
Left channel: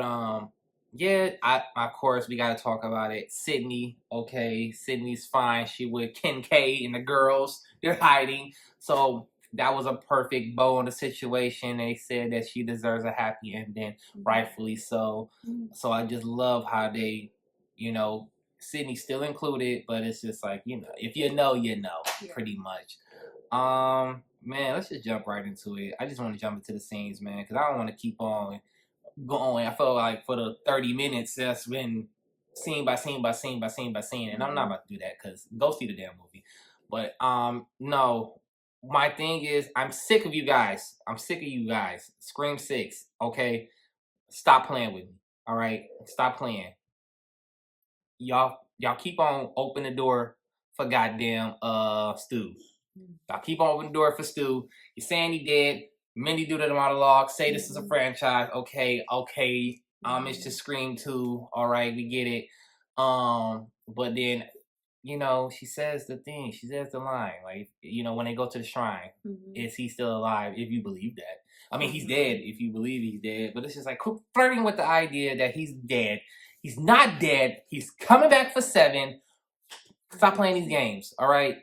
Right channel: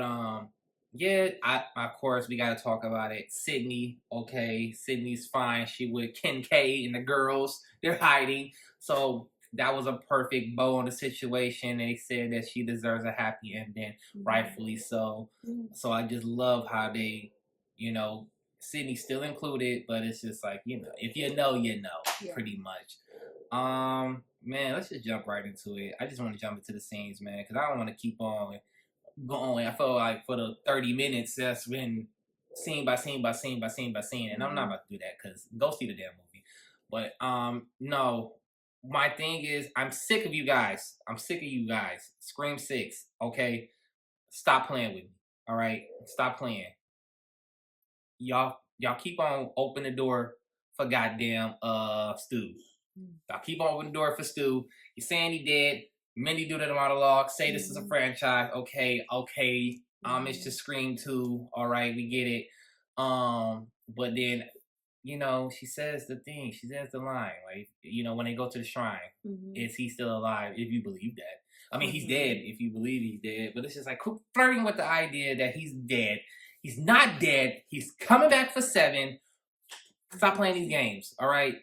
yeah, of course we gotta talk about it. Sydney, okay, Sydney's fine. She with Ken K and the girls. They're hiding, so that was a perfect bow on the situation. They said that she deserves a happy ending, rightfully so. So I just love how they, you know. Sydney's still included, but it's just like, you know, if you know, you know, pretty much. Man, let's just jump right into it. I just want to jump into the scenes, man, because I don't want to keep on going. I feel like for the 30 minutes, that's been scene by scene by scene by scene by scene, and I'm not about to do that because go see the damn movie. But no, my thing is, I'm sick of you guys. Scream 6, okay? Stop playing with me, all right? Stop playing. Y'all keep on open the door for goddamn Stu. Y'all keep on open the door for Stu. You're saying he dead. Mindy do the monologue. Say this is a franchise. Okay. Homage to Scream 2. All right, we get it. But then, you know, she says the thing. She says the line. Like, you know, when they go to the shrine, is he still alive? If you believe that. I mean, he's dead if you believe he's dead. But it's just like flirting with the idea that he's dead. He's not dead. He's coming back for 7. Stop playing these games. All right.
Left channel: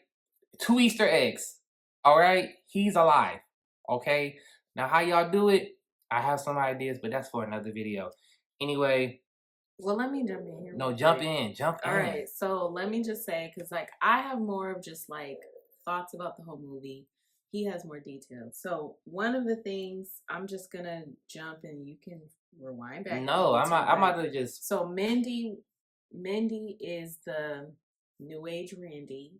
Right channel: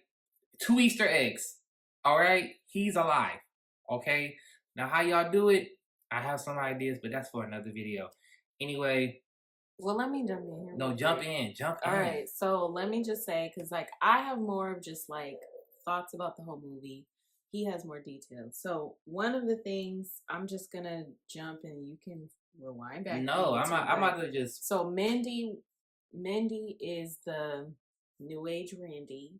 2 Easter eggs. All right. He's alive. Okay. Now, how y'all do it? I have some ideas, but that's for another video. Anyway. Well, let me jump in here. No, jump in. All right. So let me just say, because like I have more of just like thoughts about the whole movie. He has more details. So one of the things, I'm just gonna jump and you can rewind back. No, I'm about to just. So Mindy is the new age Randy,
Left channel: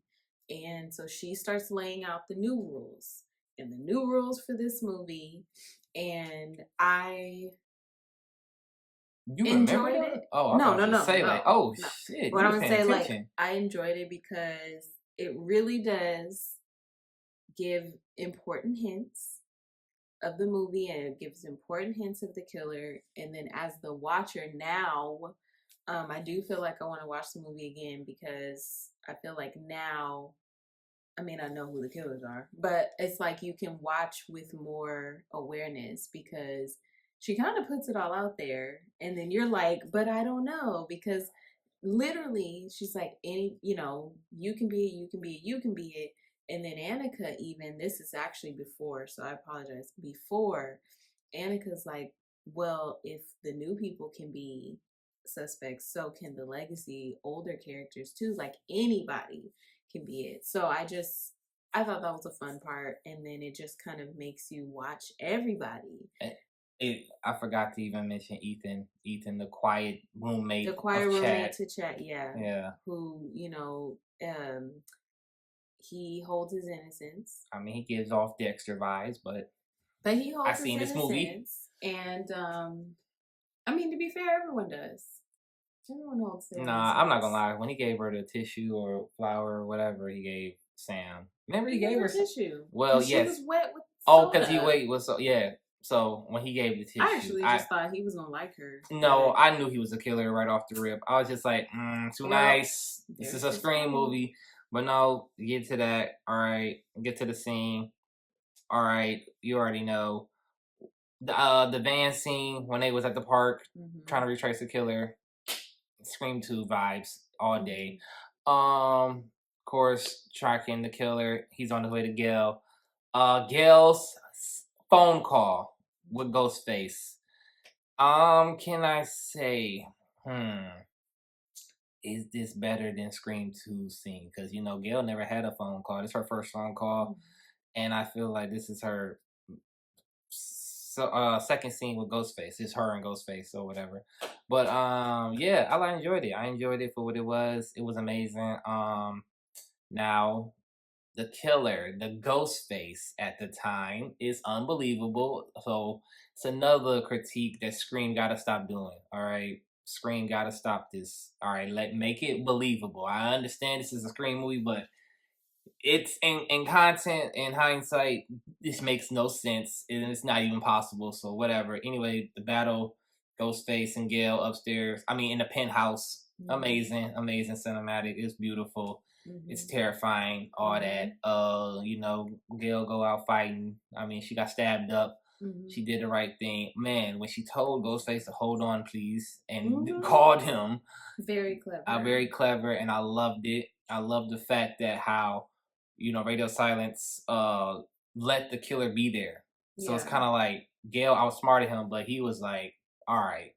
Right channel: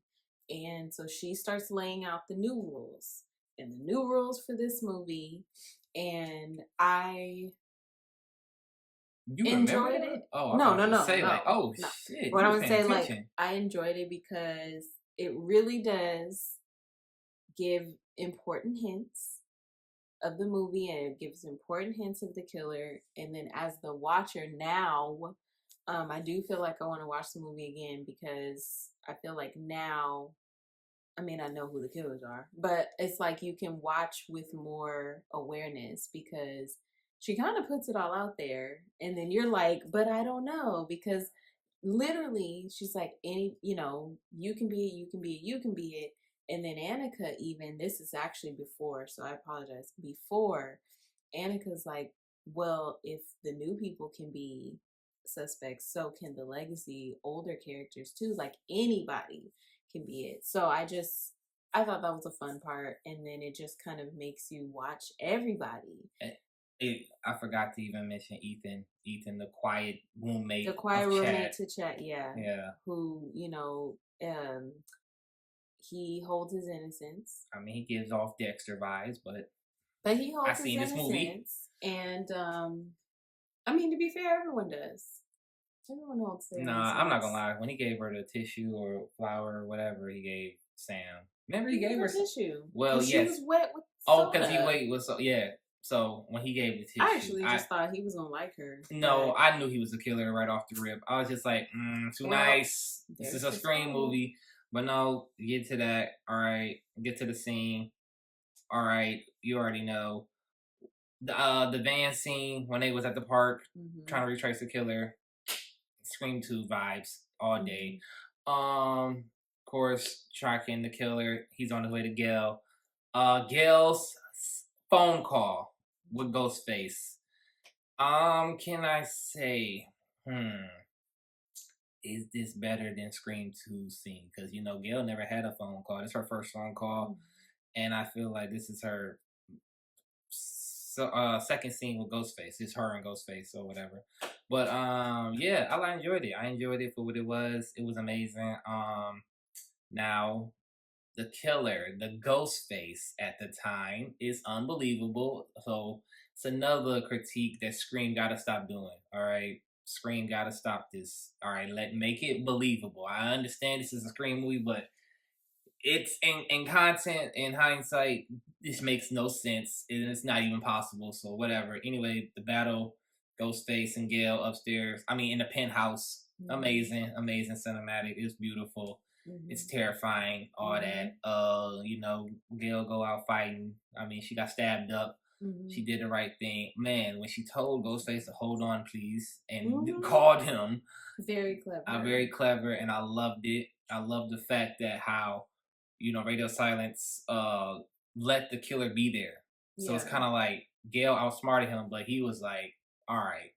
and so she starts laying out the new rules and the new rules for this movie, and I enjoyed it. Oh, no. Say like, oh no. shit. What I would say, like, I enjoyed it because it really does give important hints of the movie, and it gives important hints of the killer. And then as the watcher now, I do feel like I want to watch the movie again because I feel like now, I mean, I know who the killers are, but it's like you can watch with more awareness because she kind of puts it all out there. And then you're like, but I don't know, because literally she's like, you know, you can be it. And then Annika, even, this is actually before, so I apologize. Before, Annika's like, well, if the new people can be suspects, so can the legacy older characters too. Like anybody can be it. So I thought that was a fun part. And then it just kind of makes you watch everybody. I forgot to even mention Ethan, the quiet roommate. The quiet roommate to Chat, yeah. Yeah. Who, you know, he holds his innocence. I mean, he gives off Dexter vibes, but he holds his innocence. This movie. And I mean, to be fair, everyone does. Everyone holds their innocence. I'm not gonna lie. When he gave her the tissue or flower or whatever he gave Sam, remember he gave her tissue. Well, yes. She was wet with soda. because he was so yeah. So when he gave the tissue, I actually just thought he was gonna like her. No, I knew he was a killer right off the rip. I was just like, too nice. This is a Scream movie. But no, get to that. All right, get to the scene. All right, you already know the van scene when they was at the park trying to retrace the killer. Scream 2 vibes all day. Of course, tracking the killer. He's on his way to Gail. Gail's phone call with Ghostface. Can I say, is this better than Scream 2's scene? Because Gail never had a phone call. This is her first phone call, and I feel like this is her second scene with Ghostface. It's her and Ghostface or whatever. But yeah, I enjoyed it. I enjoyed it for what it was. It was amazing. Now the killer, the Ghostface at the time, is unbelievable. So it's another critique that Scream gotta stop doing. All right. Scream gotta stop this. All right, make it believable. I understand this is a Scream movie, but it's in content, in hindsight, this makes no sense and it's not even possible. So whatever. Anyway, the battle, Ghostface and Gale upstairs. I mean, in the penthouse. Amazing cinematic. It's beautiful. It's terrifying. All that. Gale go out fighting. I mean, she got stabbed up. She did the right thing. Man, when she told Ghostface to hold on, please, and called him. Very clever. Very clever, and I loved it. I love the fact that how, Radio Silence let the killer be there. So it's kind of like Gale outsmarted him, but he was like, all right,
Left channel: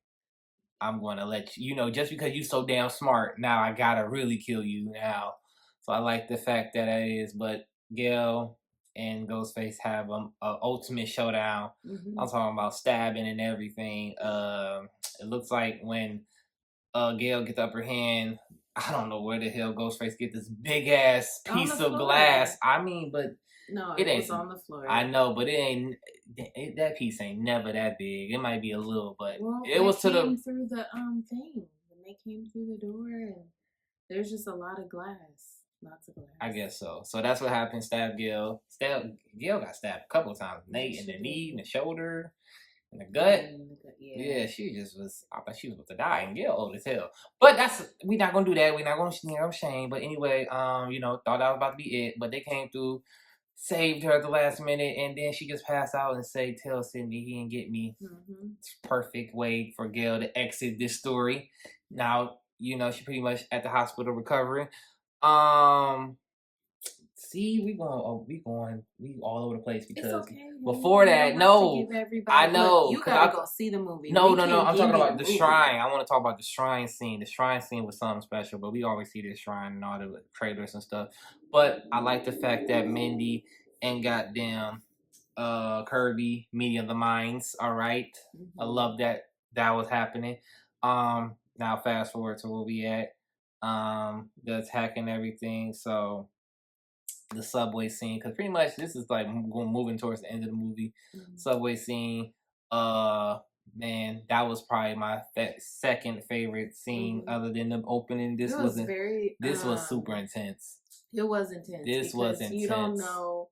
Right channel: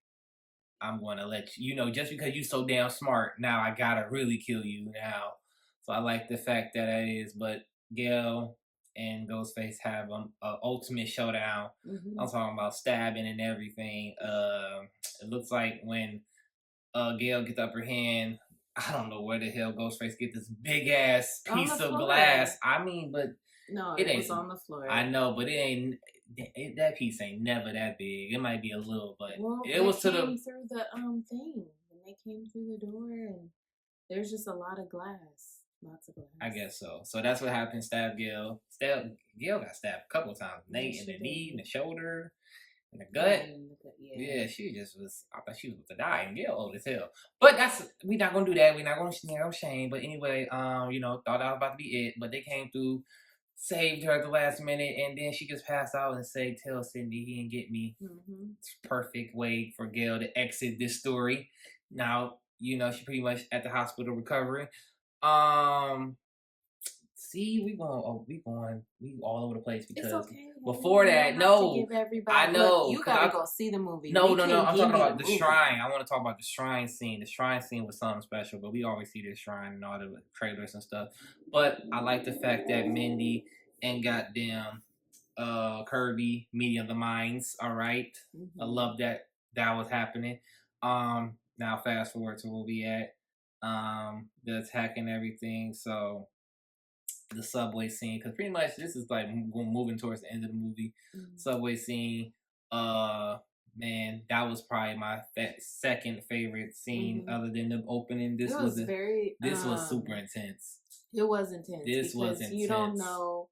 I'm going to let you, just because you so damn smart, now I got to really kill you now. So I like the fact that it is, but Gale and Ghostface have an ultimate showdown. I'm talking about stabbing and everything. It looks like when Gale gets the upper hand, I don't know where the hell Ghostface get this big ass piece of glass. I mean, but no, it was on the floor. I know, but that piece ain't never that big. It might be a little, but it was through the thing. When they came through the door, and there's just a lot of glass. Lots of glass. I guess so. So that's what happened. Gale got stabbed a couple of times. In the knee, in the shoulder, in the gut. Yeah, she just was. I thought she was about to die. And Gale old as hell. But we're not gonna do that. We're not gonna shame. But anyway, thought that was about to be it. But they came through, saved her at the last minute, and then she just passed out and said, "Tell Cindy he didn't get me." It's a perfect way for Gale to exit this story. Now, she pretty much at the hospital recovering. See, we all over the place because it's okay, before that, no, I know. Look, you gotta go see the movie. No, I'm talking about the shrine. I want to talk about the shrine scene. The shrine scene was something special, but we always see this shrine and all the trailers and stuff. But I like the fact that Mindy and goddamn Kirby meeting the minds. All right, I love that was happening. Now fast forward to where we at. The attack and everything. So the subway scene, because pretty much this is like moving towards the end of the movie. Subway scene. Man, that was probably my second favorite scene, other than the opening. This was super intense. It was intense. This was intense. You don't know.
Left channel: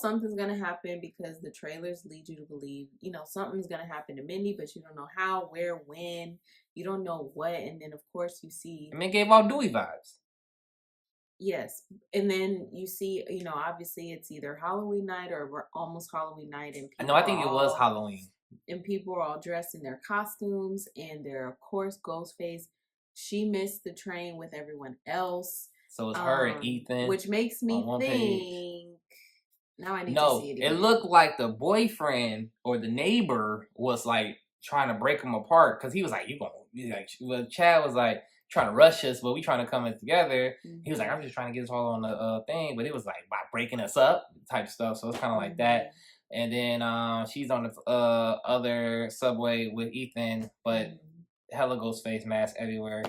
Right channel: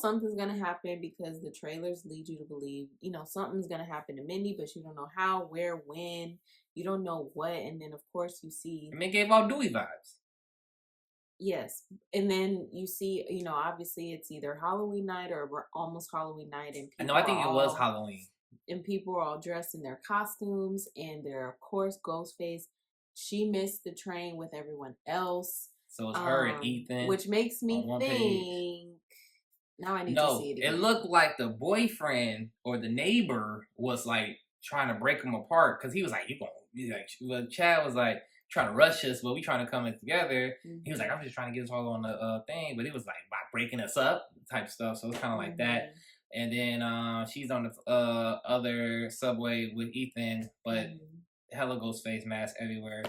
Something's gonna happen because the trailers lead you to believe, something's gonna happen to Mindy, but you don't know how, where, when. You don't know what, and then of course you see. I mean, it gave all Dewey vibes. Yes, and then you see, obviously it's either Halloween night or we're almost Halloween night, and I think it was Halloween. And people are all dressed in their costumes, and they're of course Ghostface. She missed the train with everyone else. So it's her and Ethan, which makes me think. Now I need to see it again. It looked like the boyfriend or the neighbor was like trying to break them apart because he was like, Chad was like trying to rush us, but we trying to come in together. He was like, I'm just trying to get us all on the thing, but it was like by breaking us up type stuff. So it's kind of like that. And then she's on the other subway with Ethan, but hella Ghostface mask everywhere.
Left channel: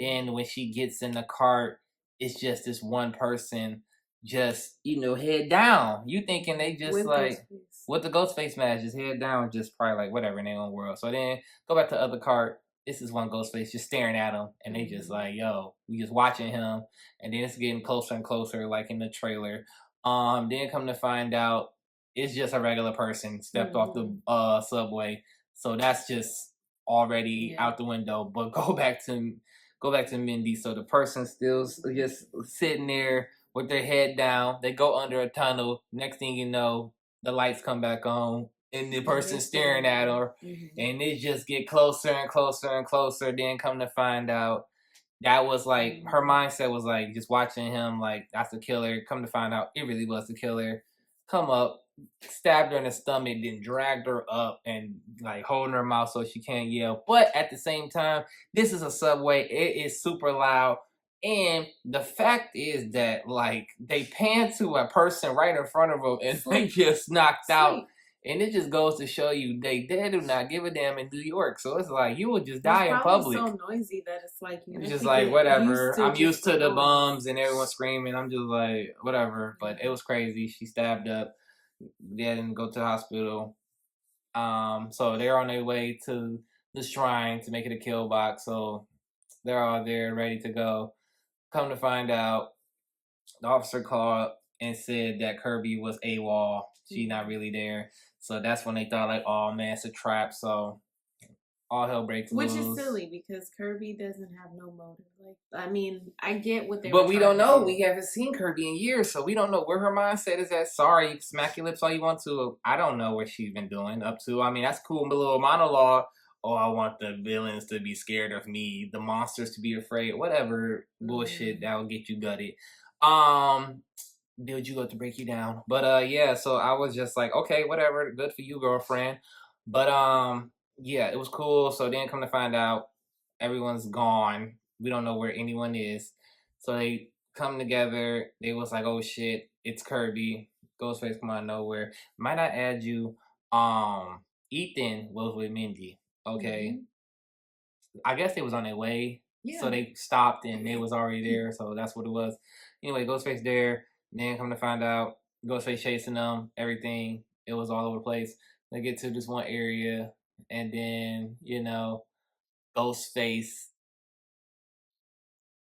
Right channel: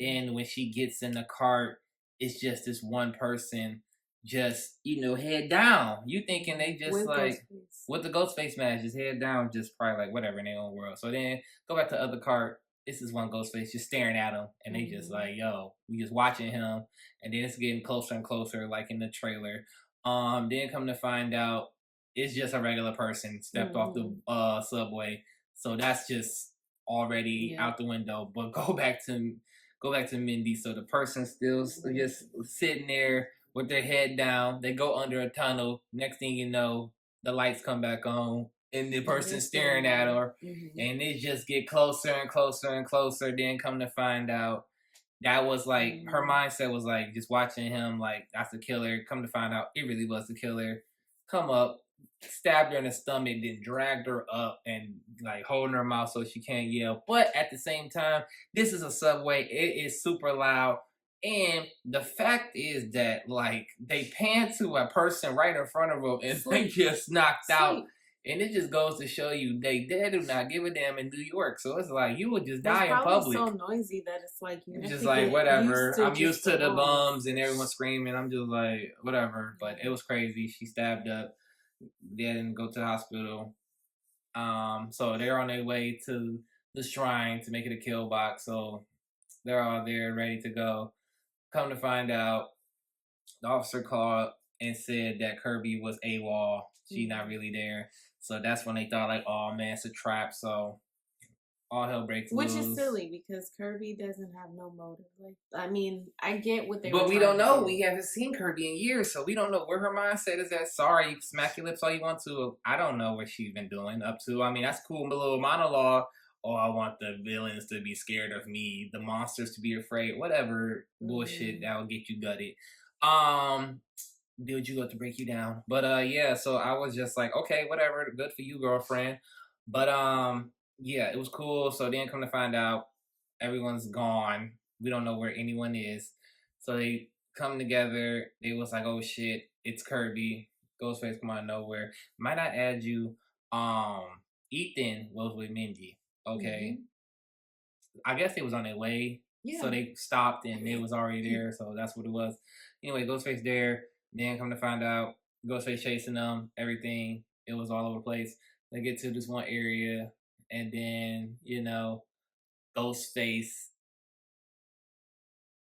Then when she gets in the cart, it's just this one person just, head down. You thinking they just with like with the Ghostface mask, just head down, just probably like whatever in their own world. So then go back to the other cart. This is one Ghostface just staring at him, and they just like, yo, we just watching him, and then it's getting closer and closer, like in the trailer. Then come to find out, it's just a regular person stepped off the subway, so that's just already out the window. But go back to Mindy. So the person still just sitting there with their head down. They go under a tunnel. Next thing you know, the lights come back on. And the person staring at her, and it just get closer and closer and closer. Then come to find out, that was like her mindset was like just watching him like that's the killer. Come to find out, it really was the killer. Come up, stabbed her in the stomach, then dragged her up and like holding her mouth so she can't yell. But at the same time, this is a subway. It is super loud. And the fact is that like they pan to a person right in front of them and they just knocked out. And it just goes to show you they do not give a damn in New York. So it's like you would just die in public. It's so noisy that it's like you it's just like whatever. I'm used to the bums and everyone screaming. I'm just like whatever. But it was crazy. She stabbed up. They didn't go to the hospital. So they're on their way to the shrine to make it a kill box. So they're all there ready to go. Come to find out, the officer called and said that Kirby was AWOL. She's not really there. So that's when they thought like, oh man, it's a trap. So all hell breaks loose. Which is silly because Kirby doesn't have no motive. Like, I mean, I get what they. But we don't know. We haven't seen Kirby in years, so we don't know where her mindset is at. Sorry, smack your lips all you want to. I don't know what she's been doing up to. I mean, that's cool. A little monologue. Oh, I want the villains to be scared of me, the monsters to be afraid. Whatever bullshit that will get you gutted. Build you up to break you down. But yeah, so I was just like, okay, whatever, good for you, girlfriend. But yeah, it was cool. So then come to find out everyone's gone. We don't know where anyone is. So they come together. They was like, oh shit, it's Kirby. Ghostface come out of nowhere. Might I add you, Ethan was with Mindy. Okay. I guess they was on their way. Yeah. So they stopped and they was already there. So that's what it was. Anyway, Ghostface there. Then come to find out, Ghostface chasing them, everything. It was all over the place. They get to this one area, and then, you know, Ghostface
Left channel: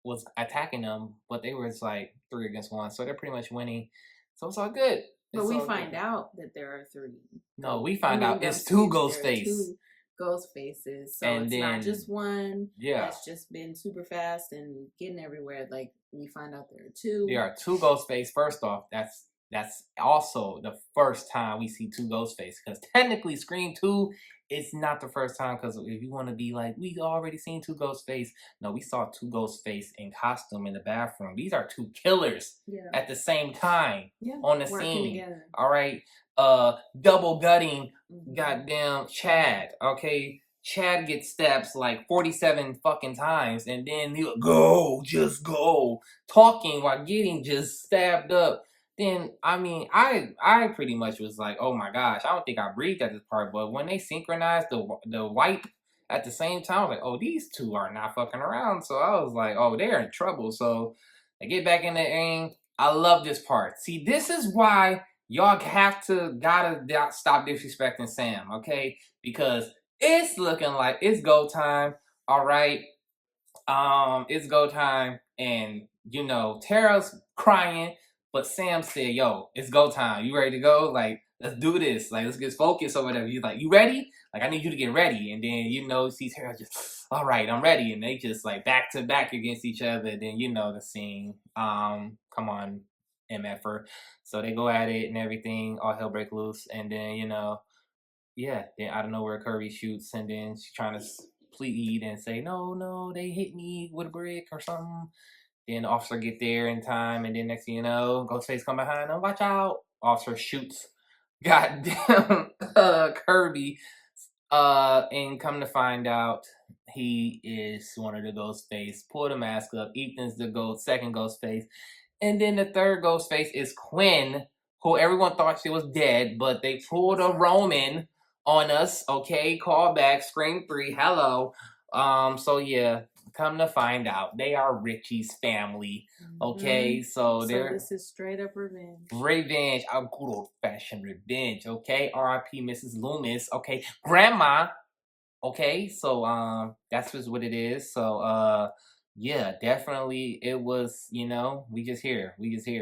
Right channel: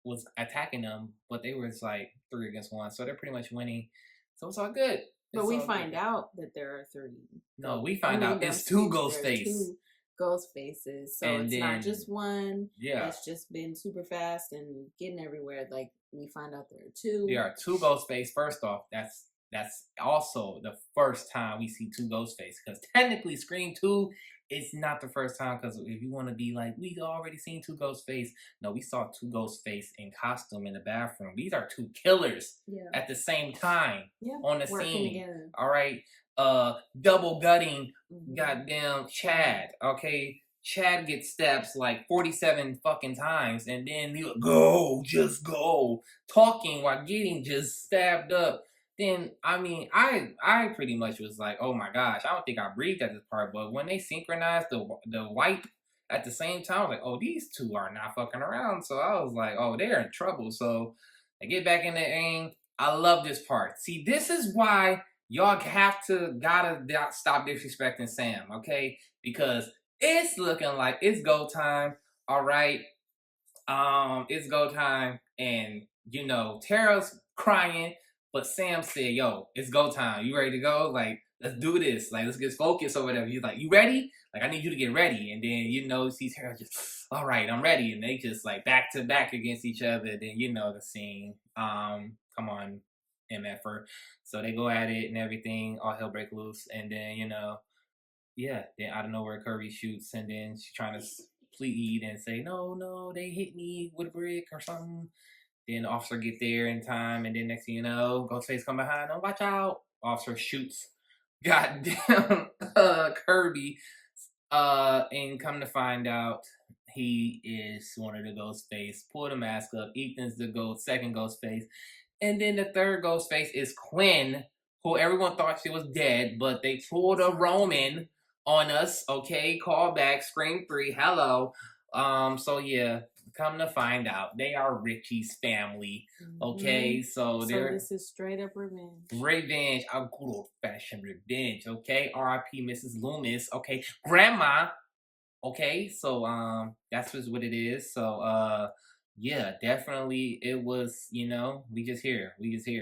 was attacking them, but they were like 3 against 1. So they're pretty much winning. So it's all good. But we find out that there are 3. No, we find out it's 2 Ghostface. 2 Ghostfaces. So and it's then, not just one that's just been super fast and getting everywhere. Like, we find out there are 2. There are 2 Ghostface. First off, that's also the first time we see 2 Ghostface. Because technically, Scream 2 is not the first time. Because if you want to be like, we already seen 2 Ghostface. No, we saw 2 Ghostface in costume in the bathroom. These are 2 killers at the same time on the scene. Together. All right. Double gutting goddamn Chad. Okay. Chad gets stabs like 47 fucking times, and then he'll just go, talking while getting just stabbed up. Then, I mean, I pretty much was like, oh my gosh, I don't think I breathed at this part, but when they synchronized the wipe at the same time, I was like, oh, these 2 are not fucking around. So I was like, oh, they're in trouble. So I get back in the ring. I love this part. See, this is why y'all gotta stop disrespecting Sam, okay? Because it's looking like it's go time. All right. It's go time. And, you know, Tara's crying, but Sam said, yo, it's go time. You ready to go? Like, let's do this. Like, let's get focused or whatever. He's like, you ready? Like, I need you to get ready. And then, you know, see Tara just, all right, I'm ready. And they just like back to back against each other. Then, you know, the scene. Come on, MFer. So they go at it and everything. All hell break loose. And then, you know, yeah, then out of nowhere, Kirby shoots, and then she's trying to plead and say, no, they hit me with a brick or something. Then the officer get there in time, and then next thing you know, Ghostface come behind them, watch out. Officer shoots goddamn Kirby, and come to find out, he is one of the Ghostface. Pull the mask up. Ethan's the second Ghostface. And then the third Ghostface is Quinn, who everyone thought she was dead, but they pulled a Roman on us, okay? Call back, Scream 3, hello. So yeah, come to find out, they are Richie's family, okay? So this is straight up revenge. Revenge, a good old-fashioned revenge, okay? R.I.P. Mrs. Loomis, okay? Grandma, okay? So, that's just what it is. So, yeah, definitely it was, you know, we just here.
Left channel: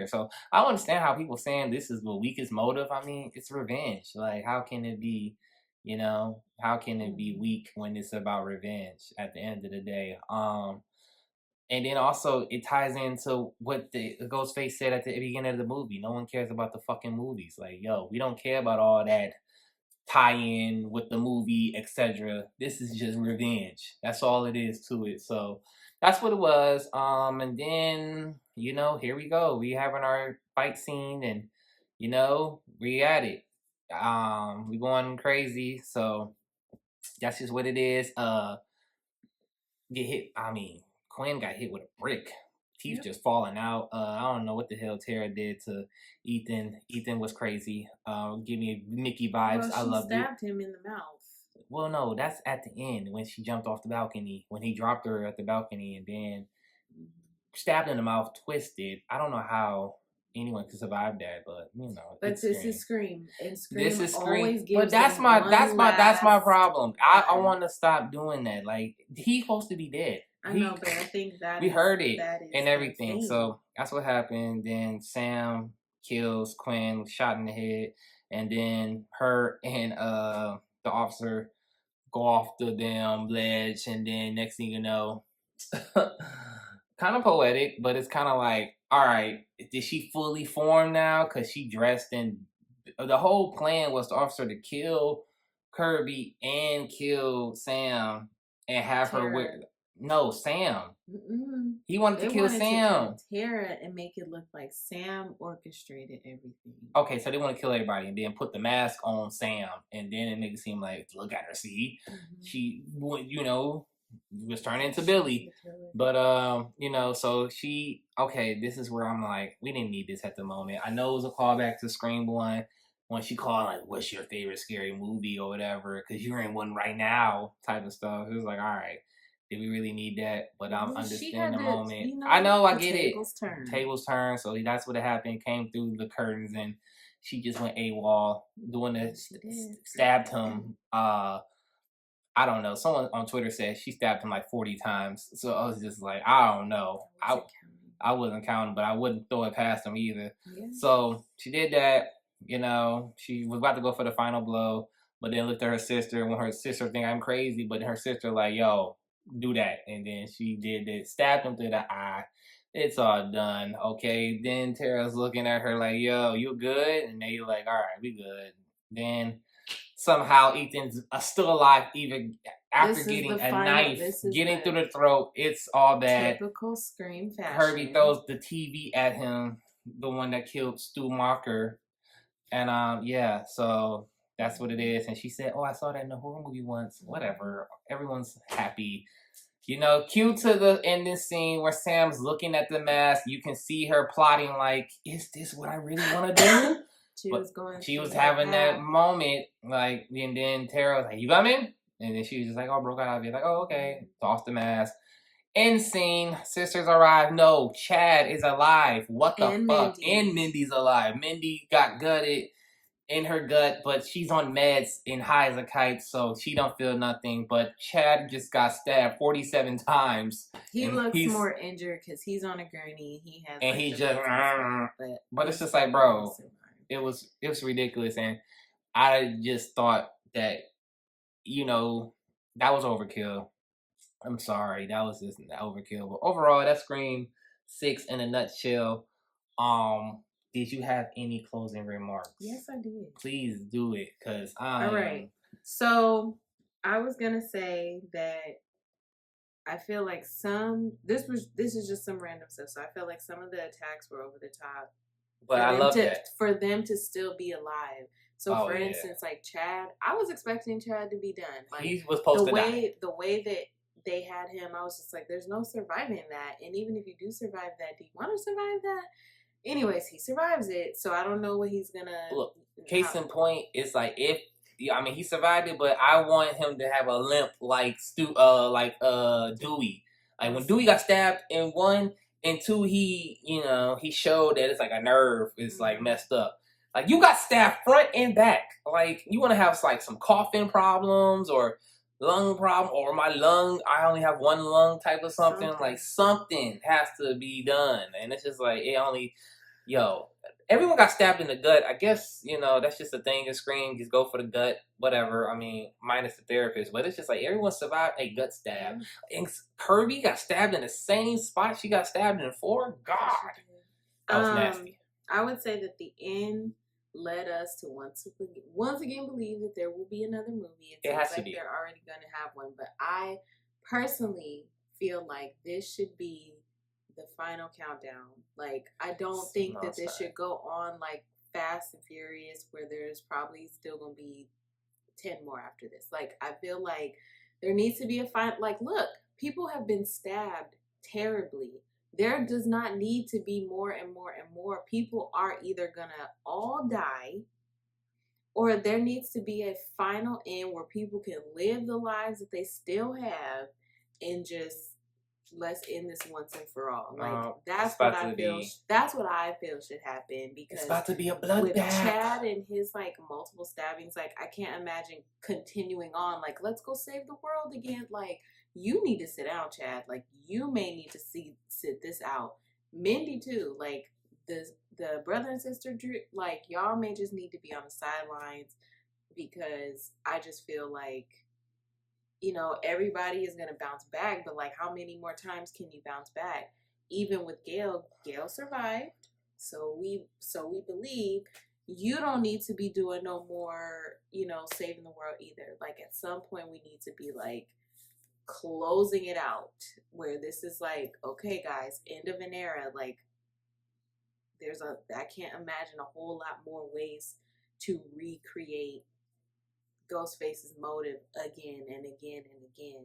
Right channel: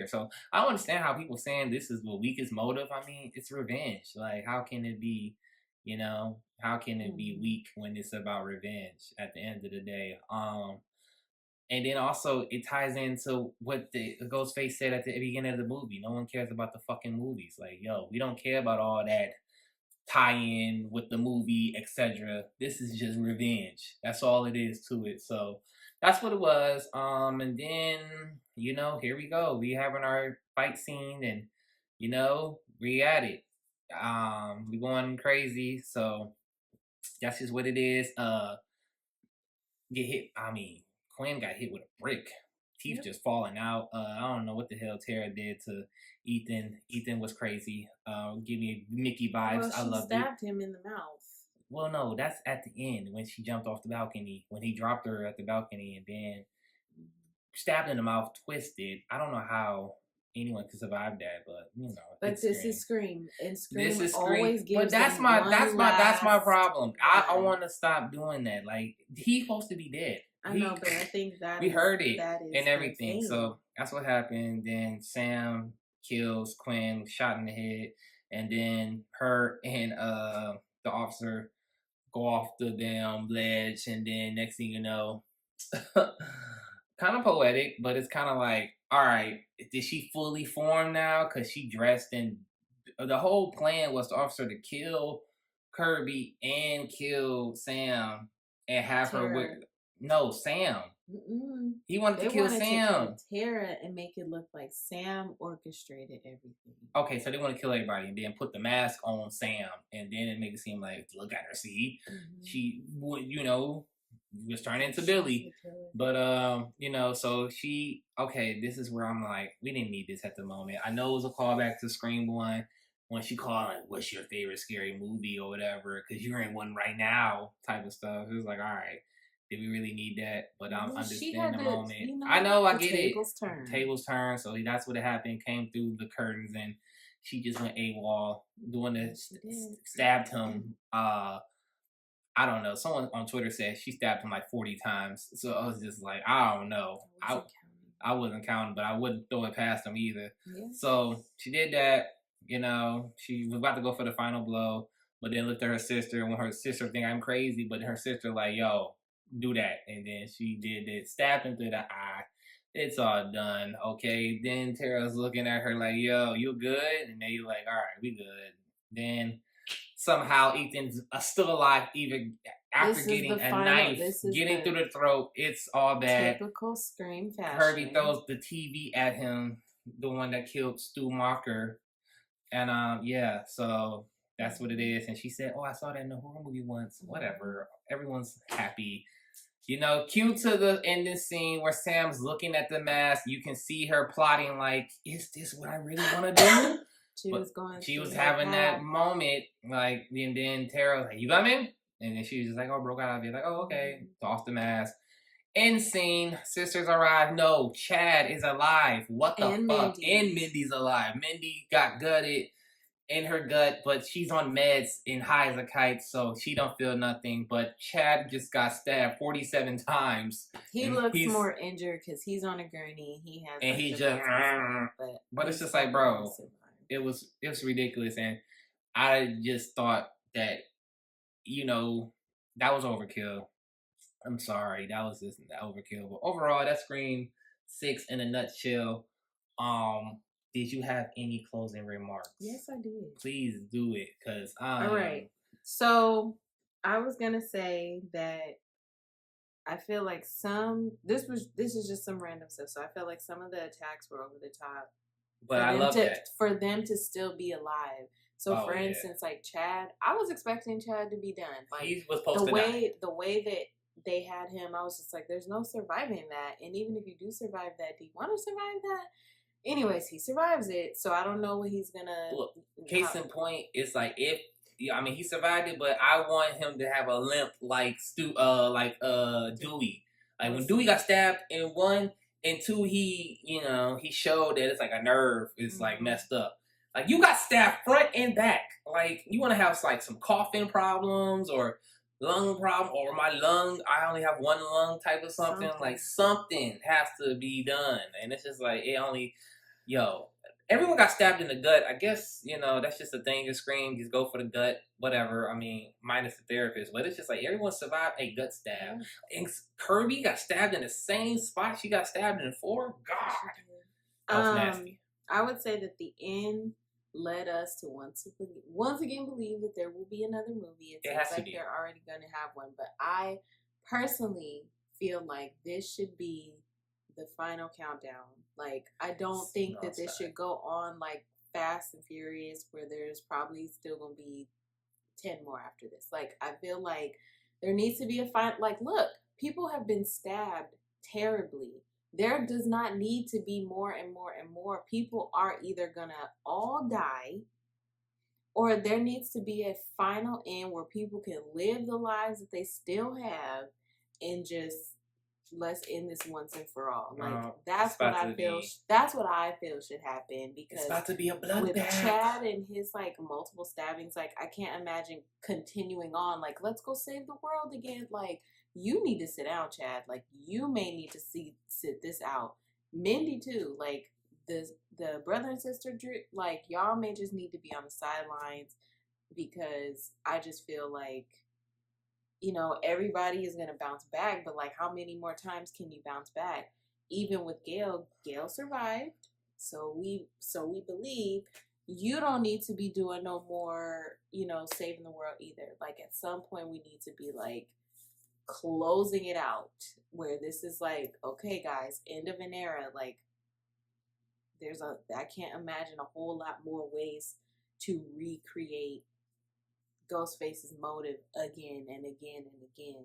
So, I don't understand how people saying this is the weakest motive. I mean, it's revenge. Like, how can it be, you know, how can it be weak when it's about revenge at the end of the day? And then also it ties into what the Ghostface said at the beginning of the movie. No one cares about the fucking movies. Like, yo, we don't care about all that tie-in with the movie, etc. This is just revenge. That's all it is to it. So That's what it was. And then, here we go. We having our fight scene, and we at it. We going crazy. So that's just what it is. Get hit. I mean, Quinn got hit with a brick. Teeth just falling out. I don't know what the hell Tara did to Ethan. Ethan was crazy. Give me Mickey vibes. I love it. She stabbed him in the mouth. Well, no, that's at the end when she jumped off the balcony, when he dropped her at the balcony and then stabbed in the mouth, twisted. I don't know how anyone could survive that, but But this is Scream, and Scream this is always Scream. gives. But that's my problem. I want to stop doing that. Like, he's supposed to be dead. I know, but I think that we heard it that is and everything. insane. So that's what happened. Then Sam kills Quinn, shot in the head, and then her and the officer go off the damn ledge, and then next thing you know, kind of poetic, but it's kind of like, all right, did she fully form now? Because she dressed in. The whole plan was the officer to kill Kirby and kill Sam and have her with. No, Sam. He wanted to kill Sam. Tara and make it look like Sam orchestrated everything. Okay, so they want to kill everybody and then put the mask on Sam, and then it make it seem like, look at her, see, she, was turning into Billy. But so she. Okay, this is where I'm like, we didn't need this at the moment. I know it was a callback to Scream 1 when she called like, "What's your favorite scary movie?" or whatever, because you're in one right now, type of stuff. It was like, all right. Did we really need that? But I'm understanding the moment. I know, I get it. Tables turn. So that's what happened. Came through the curtains, and she just went AWOL, doing this, stabbed him. I don't know. Someone on Twitter said she stabbed him like 40 times. So I was just like, I don't know. I wasn't counting, but I wouldn't throw it past him either. Yeah. So she did that. She was about to go for the final blow, but then looked at her sister, and when her sister think I'm crazy, but her sister like, yo, do that. And then she did it, stabbed him through the eye. It's all done. Okay. Then Tara's looking at her like, yo, you good? And then you're like, all right, we good. Then somehow Ethan's still alive even after getting a knife, getting through the throat. It's all bad. Typical Scream fashion. Kirby throws the TV at him, the one that killed Stu Marker. And so that's what it is. And she said, oh, I saw that in a horror movie once. Whatever. Everyone's happy. Cue to the ending scene where Sam's looking at the mask. You can see her plotting like, is this what I really want to do? She was having that moment, like, and then Tara was like, you coming? And then she was just like, oh, broke out. I'll be like, oh, okay. Toss the mask. End scene. Sisters arrive. No, Chad is alive. What the fuck? And Mindy's alive. Mindy got gutted in her gut, but she's on meds and high as a kite, so she don't feel nothing. But Chad just got stabbed 47 times. He looks more injured because he's on a gurney. He has, and he just, but it's just like, bro, it was ridiculous, and I just thought that, that was overkill. I'm sorry, that was just overkill. But overall, that Scream 6 in a nutshell. Did you have any closing remarks? Yes, I did. Please do it, because all right. So I was gonna say that I feel like this is just some random stuff. So I feel like some of the attacks were over the top. But I love that for them to still be alive. So for instance, like Chad, I was expecting Chad to be done. Like he was supposed to die. The way that they had him, I was just like, there's no surviving that. And even if you do survive that, do you want to survive that? Anyways, he survives it, so I don't know what he's gonna. Look, case in point, it's like he survived it, but I want him to have a limp like Dewey. Like when Dewey got stabbed in 1 and 2, he showed that it's like a nerve is like messed up. Like you got stabbed front and back. Like you want to have like some coughing problems or lung problem, or my lung, I only have one lung type of something. Like something has to be done, and it's just like everyone got stabbed in the gut. I guess that's just a thing in Scream. Just go for the gut, whatever. I mean, minus the therapist, but it's just like everyone survived a gut stab. And Kirby got stabbed in the same spot she got stabbed in 4. God, that was nasty. I would say that the end led us to once again believe that there will be another movie. It seems like they're already going to have one, but I personally feel like this should be the final countdown. Like, I don't think No, that it's this not. should go on like Fast and Furious, where there's probably still gonna be 10 more after this. Like, I feel like there needs to be a final. Like, look, people have been stabbed terribly. There does not need to be more and more and more. People are either gonna all die, or there needs to be a final end where people can live the lives that they still have, and just let's end this once and for all. Like, that's what I feel. That's what I feel should happen, because it's about to be a with bloodbath. Chad and his like multiple stabbings, like, I can't imagine continuing on. Like, let's go save the world again. Like, you need to sit down, Chad. Like, you may need to sit this out. Mindy too. Like, the brother and sister, like, y'all may just need to be on the sidelines, because I just feel like, you know, everybody is going to bounce back, but like, how many more times can you bounce back? Even with Gail survived. So we believe you don't need to be doing no more, you know, saving the world either. Like, at some point we need to be like closing it out, where this is like, okay guys, end of an era. Like, I can't imagine a whole lot more ways to recreate Ghostface's motive again and again and again.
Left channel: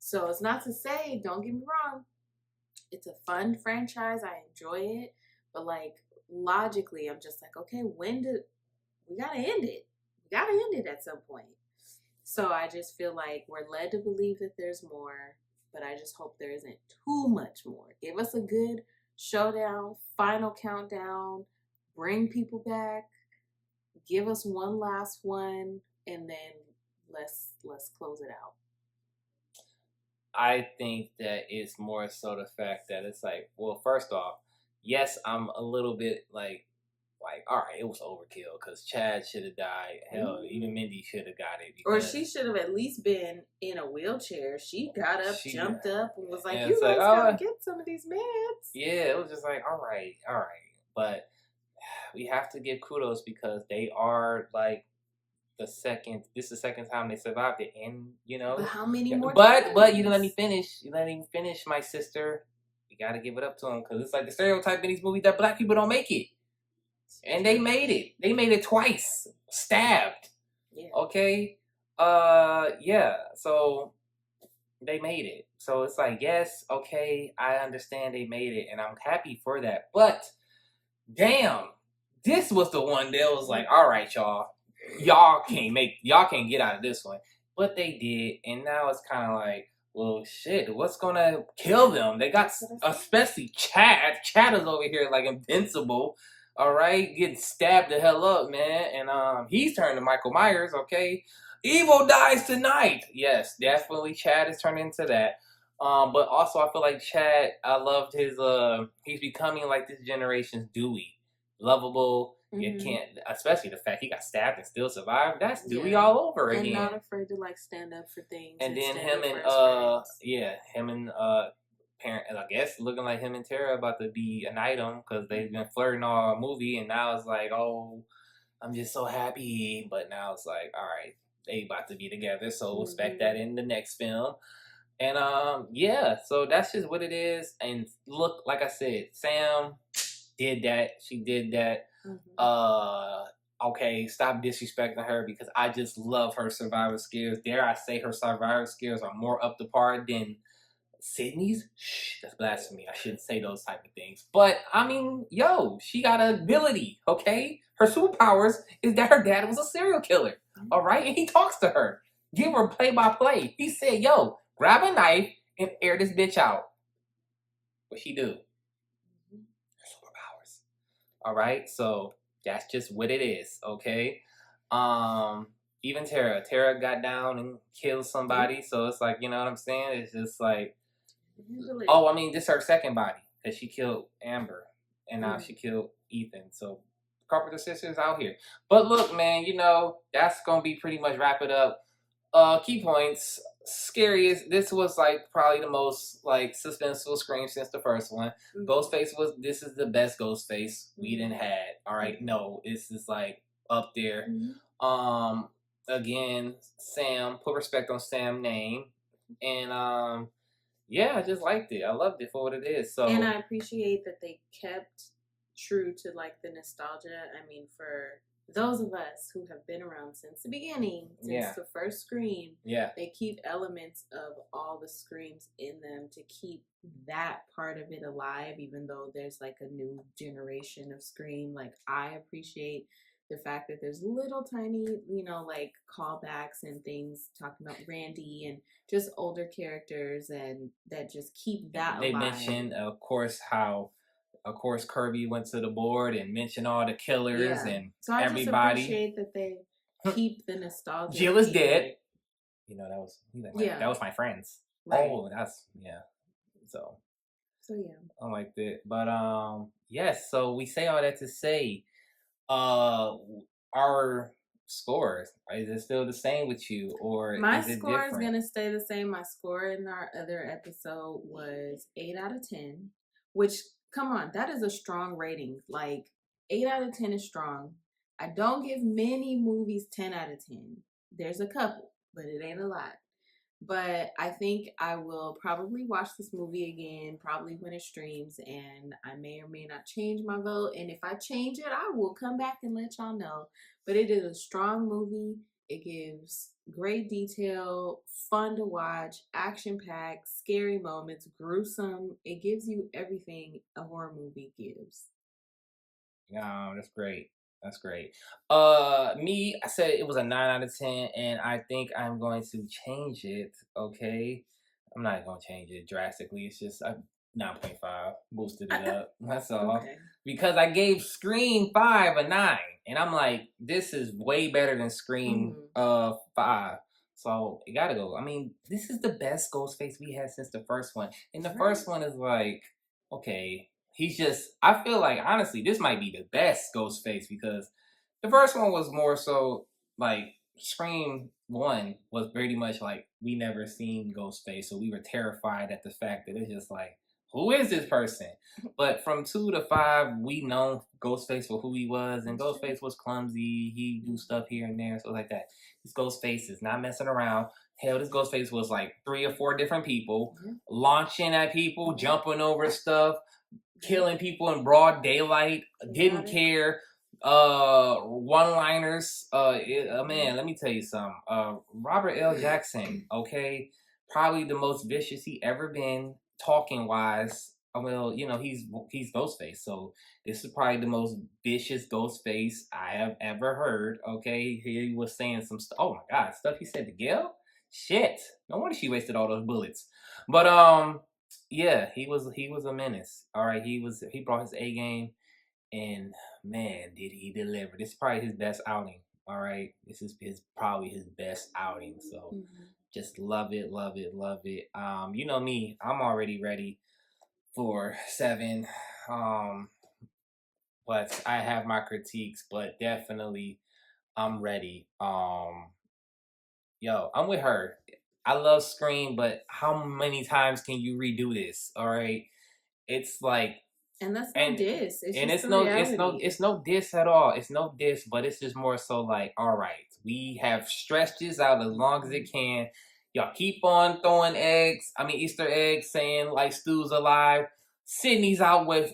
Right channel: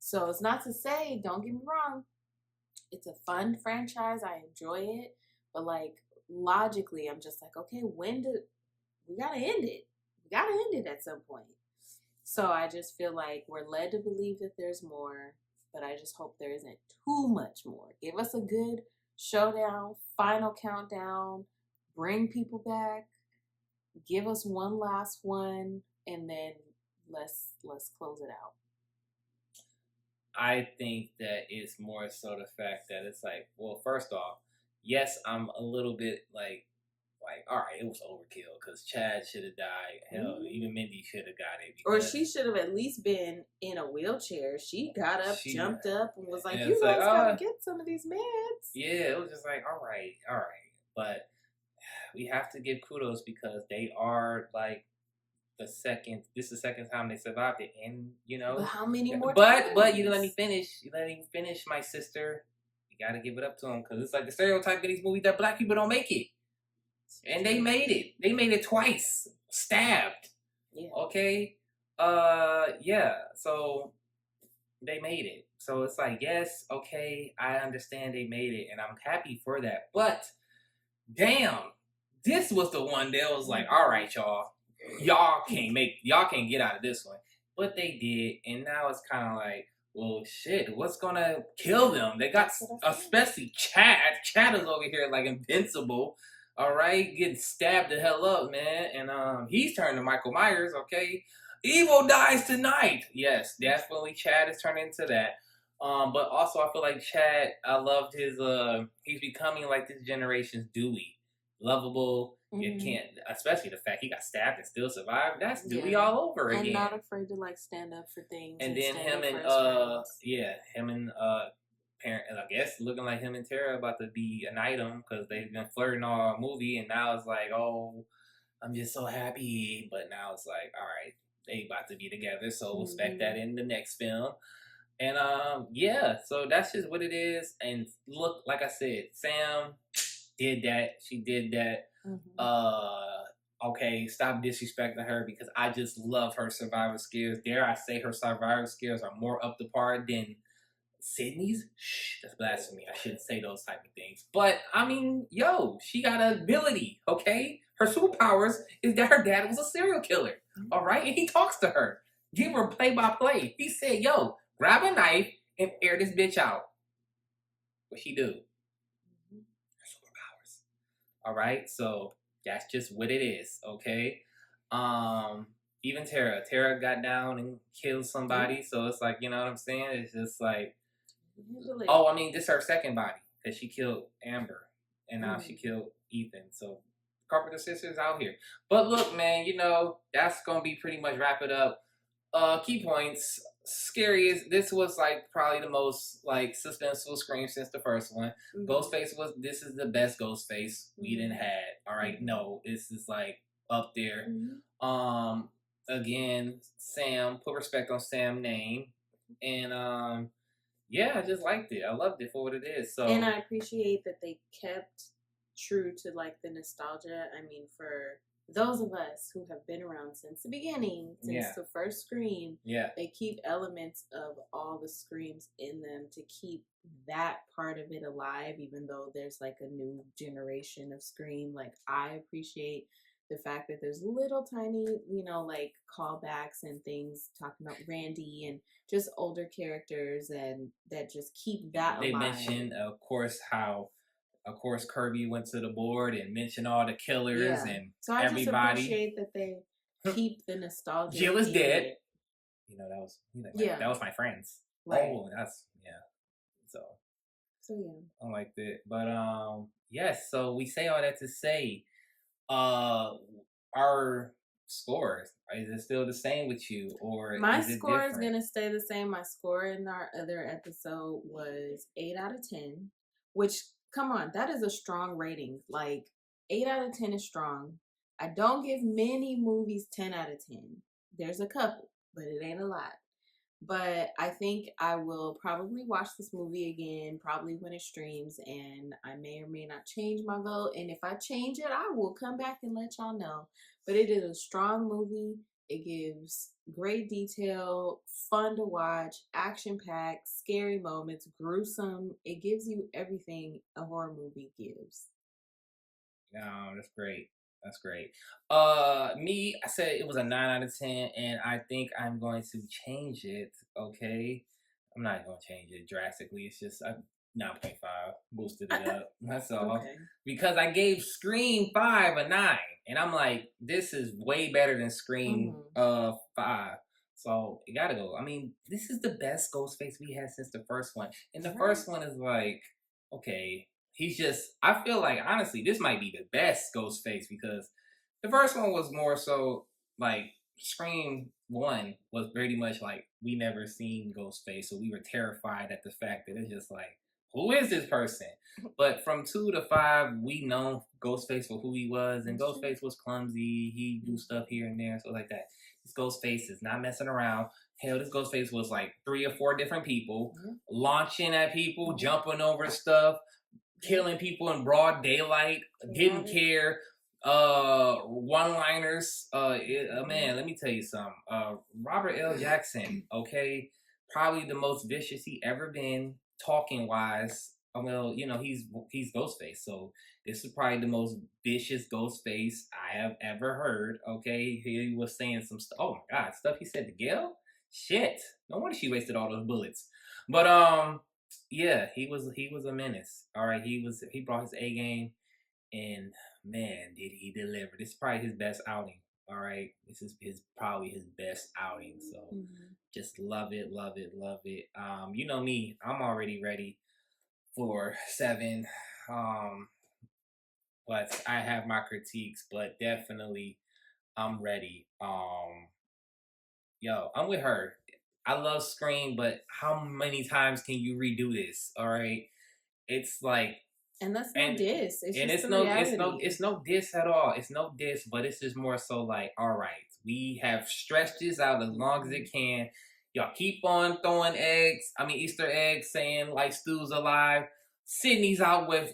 So it's not to say, don't get me wrong, it's a fun franchise, I enjoy it, but like, logically, I'm just like, okay, we gotta end it? We gotta end it at some point. So I just feel like we're led to believe that there's more, but I just hope there isn't too much more. Give us a good showdown, final countdown, bring people back, give us one last one, and then let's close it out. I think that it's more so the fact that it's like, well, first off, yes, I'm a little bit like, all right, it was overkill, because Chad should have died. Hell, even Mindy should have got it. Or she should have at least been in a wheelchair. She got up, jumped up, and was like, and you it's guys like, gotta get some of these meds. Yeah, it was just like, all right. But we have to give kudos, because they are like this is the second time they survived it, and you know. But how many more times? But you let me finish. You let me finish, my sister. You gotta give it up to them, because it's like the stereotype in these movies that black people don't make it. And they made it. They made it twice. Stabbed. Yeah. Okay? Yeah. So they made it. So it's like, yes, okay, I understand they made it, and I'm happy for that. But damn, this was the one that was like, all right, y'all can't get out of this one. But they did, and now it's kind of like, well, shit, what's gonna kill them? They got, especially Chad. Chad is over here like invincible. All right, getting stabbed the hell up, man. And he's turned to Michael Myers, okay? Evil dies tonight. Yes, definitely Chad is turning into that. But also I feel like Chad, I loved his he's becoming like this generation's Dewey. Lovable. You can't, especially the fact he got stabbed and still survived. That's Dewey all over again. And not afraid to like stand up for things. And then him and parent, and I guess looking like him and Tara about to be an item, because they've been flirting all movie, and now it's like, oh, I'm just so happy. But now it's like, all right, they about to be together, so expect that in the next film. And yeah, so that's just what it is. And look, like I said, Sam did that. She did that. Okay, stop disrespecting her, because I just love her survival skills. Dare I say her survival skills are more up to par than Sydney's? Shh, that's blasphemy. I shouldn't say those type of things. But, I mean, she got an ability, okay? Her superpowers is that her dad was a serial killer, all right? And he talks to her. Give her play-by-play. He said, grab a knife and air this bitch out. What she do? Her superpowers. All right? So, that's just what it is, okay? Even Tara got down and killed somebody, so it's like, you know what I'm saying? It's just like, I mean, this is her second body, because she killed Amber, and now she killed Ethan. So Carpenter sisters out here. But look, man, that's gonna be pretty much wrap it up. Key points. Scariest. This was like probably the most like suspenseful Scream since the first one. Ghostface this is the best Ghostface we done had. All right, no, this is like up there. Again, Sam, put respect on Sam's name. And yeah, I just liked it. I loved it for what it is. So And I appreciate that they kept true to like the nostalgia. I mean, for those of us who have been around since the beginning, since Yeah. the first Scream, yeah, they keep elements of all the Screams in them to keep that part of it alive, even though there's like a new generation of Scream. Like, I appreciate the fact that there's little tiny, like callbacks and things talking about Randy and just older characters, and that just keep that they alive. mentioned, of course, how, of course, Kirby went to the board and mentioned all the killers and So I just everybody. appreciate that they keep the nostalgia. Jill is keep dead. it. That was Yeah. that was my friends. Right. Oh, that's yeah. So yeah. I liked it, but yes. So we say all that to say, our scores, is it still the same with you, or My is it score different? is gonna stay the same. My score in our other episode was 8 out of 10, which, come on, that is a strong rating. Like, 8 out of 10 is strong. I don't give many movies 10 out of 10. There's a couple, but it ain't a lot. But I think I will probably watch this movie again, probably when it streams, and I may or may not change my vote. And if I change it, I will come back and let y'all know. But it is a strong movie. It gives great detail, fun to watch, action-packed, scary moments, gruesome. It gives you everything a horror movie gives. That's great. That's great. Me, I said it was a 9 out of 10, and I think I'm going to change it. Okay, I'm not going to change it drastically. It's just 9.5, boosted it up. That's all. Okay. Because I gave Scream 5 a 9, and I'm like, this is way better than Scream 5. So it gotta go. I mean, this is the best Ghostface we had since the first one, and the first one is like, okay. He's just, I feel like, honestly, this might be the best Ghostface, because the first one was more so like Scream 1 was pretty much like we never seen Ghostface, so we were terrified at the fact that it's just like, who is this person? But from 2 to 5, we know Ghostface for who he was, and Ghostface was clumsy. He do stuff here and there, so like that. This Ghostface is not messing around. Hell, this Ghostface was like 3 or 4 different people, launching at people, jumping over stuff, killing people in broad daylight, didn't care. One-liners. Man, let me tell you something. Robert L. Jackson, okay, probably the most vicious he ever been, talking wise. Well, he's Ghostface, so this is probably the most vicious Ghostface I have ever heard. Okay, he was saying some stuff. Oh my God, stuff he said to Gail. Shit, no wonder she wasted all those bullets. But yeah, he was a menace. All right, he brought his A game, and man, did he deliver. This is probably his best outing. All right, this is probably his best outing. So just love it, love it, love it. You know me, I'm already ready for 7. But I have my critiques, but definitely I'm ready. Yo, I'm with her. I love Scream, but how many times can you redo this? All right, it's like, and that's no diss. It's and just it's no diss at all. It's no diss, but it's just more so like, all right, we have stretched this out as long as it can. Y'all keep on throwing Easter eggs, saying like Stu's alive. Sydney's out with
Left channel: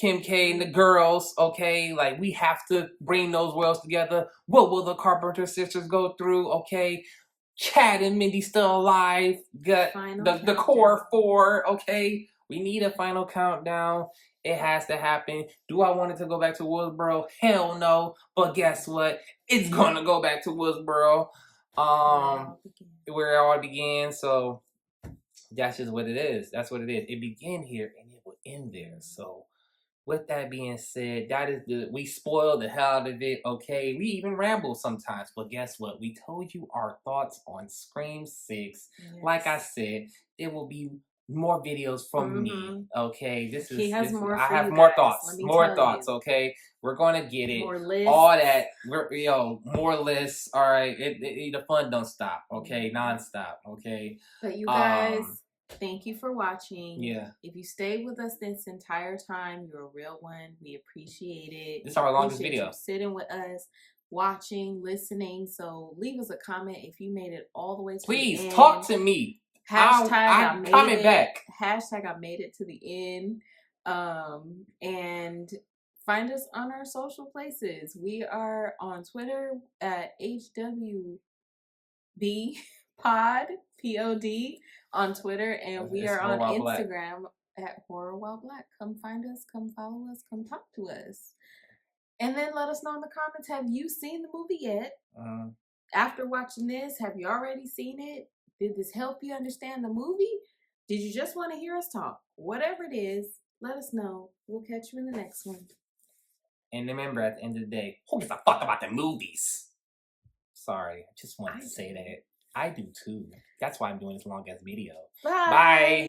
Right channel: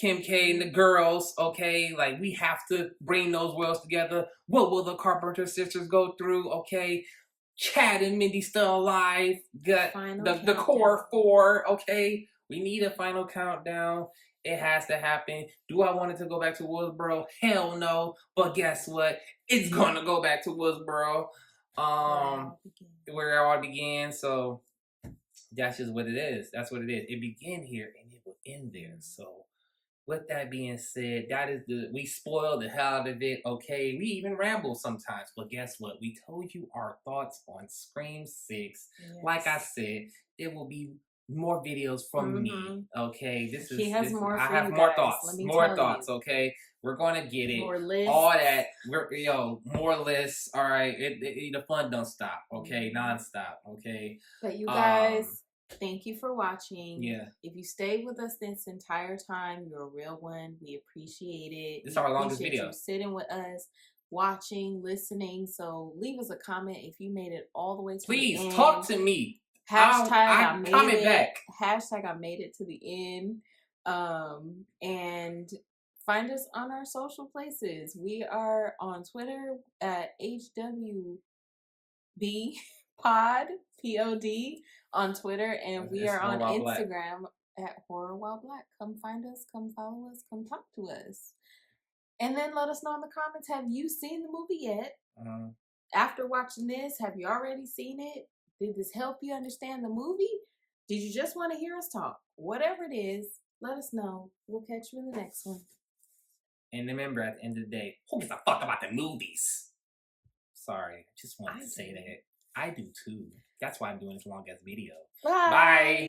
Kim K and the girls. Okay, like we have to bring those worlds together. What will the Carpenter sisters go through? Okay, Chad and Mindy still alive. Got the core 4. Okay, we need a final countdown. It has to happen. Do I want it to go back to Woodsboro? Hell no. But guess what? It's gonna go back to Woodsboro. Where it all began. So that's just what it is. That's what it is. It began here and it will end there. So with that being said, that is we spoil the hell out of it, okay? We even ramble sometimes, but guess what? We told you our thoughts on Scream 6. Yes. Like I said, there will be more videos from me, okay? He has more. I have more thoughts, okay? We're gonna get it. More lists. All that. More lists. All right. The fun don't stop, okay? Nonstop, okay? But you guys, thank you for watching. Yeah. If you stayed with us this entire time, you're a real one. We appreciate it. This is our longest video. You sitting with us, watching, listening. So leave us a comment if you made it all the way to the end. Please talk to me. Hashtag I I'm made coming it. back. Hashtag I made it to the end. And find us on our social places. We are on Twitter at HWB Pod POD on Twitter, and we It's are on Horror While Black. Instagram at Horror While Black. Come find us, come follow us, come talk to us. And then let us know in the comments, have you seen the movie yet? After watching this, have you already seen it? Did this help you understand the movie? Did you just want to hear us talk? Whatever it is, let us know. We'll catch you in the next one. And remember, at the end of the day, who gives a fuck about the movies? Sorry, I just wanted to say that. I do too. That's why I'm doing this long ass video. Bye. Bye.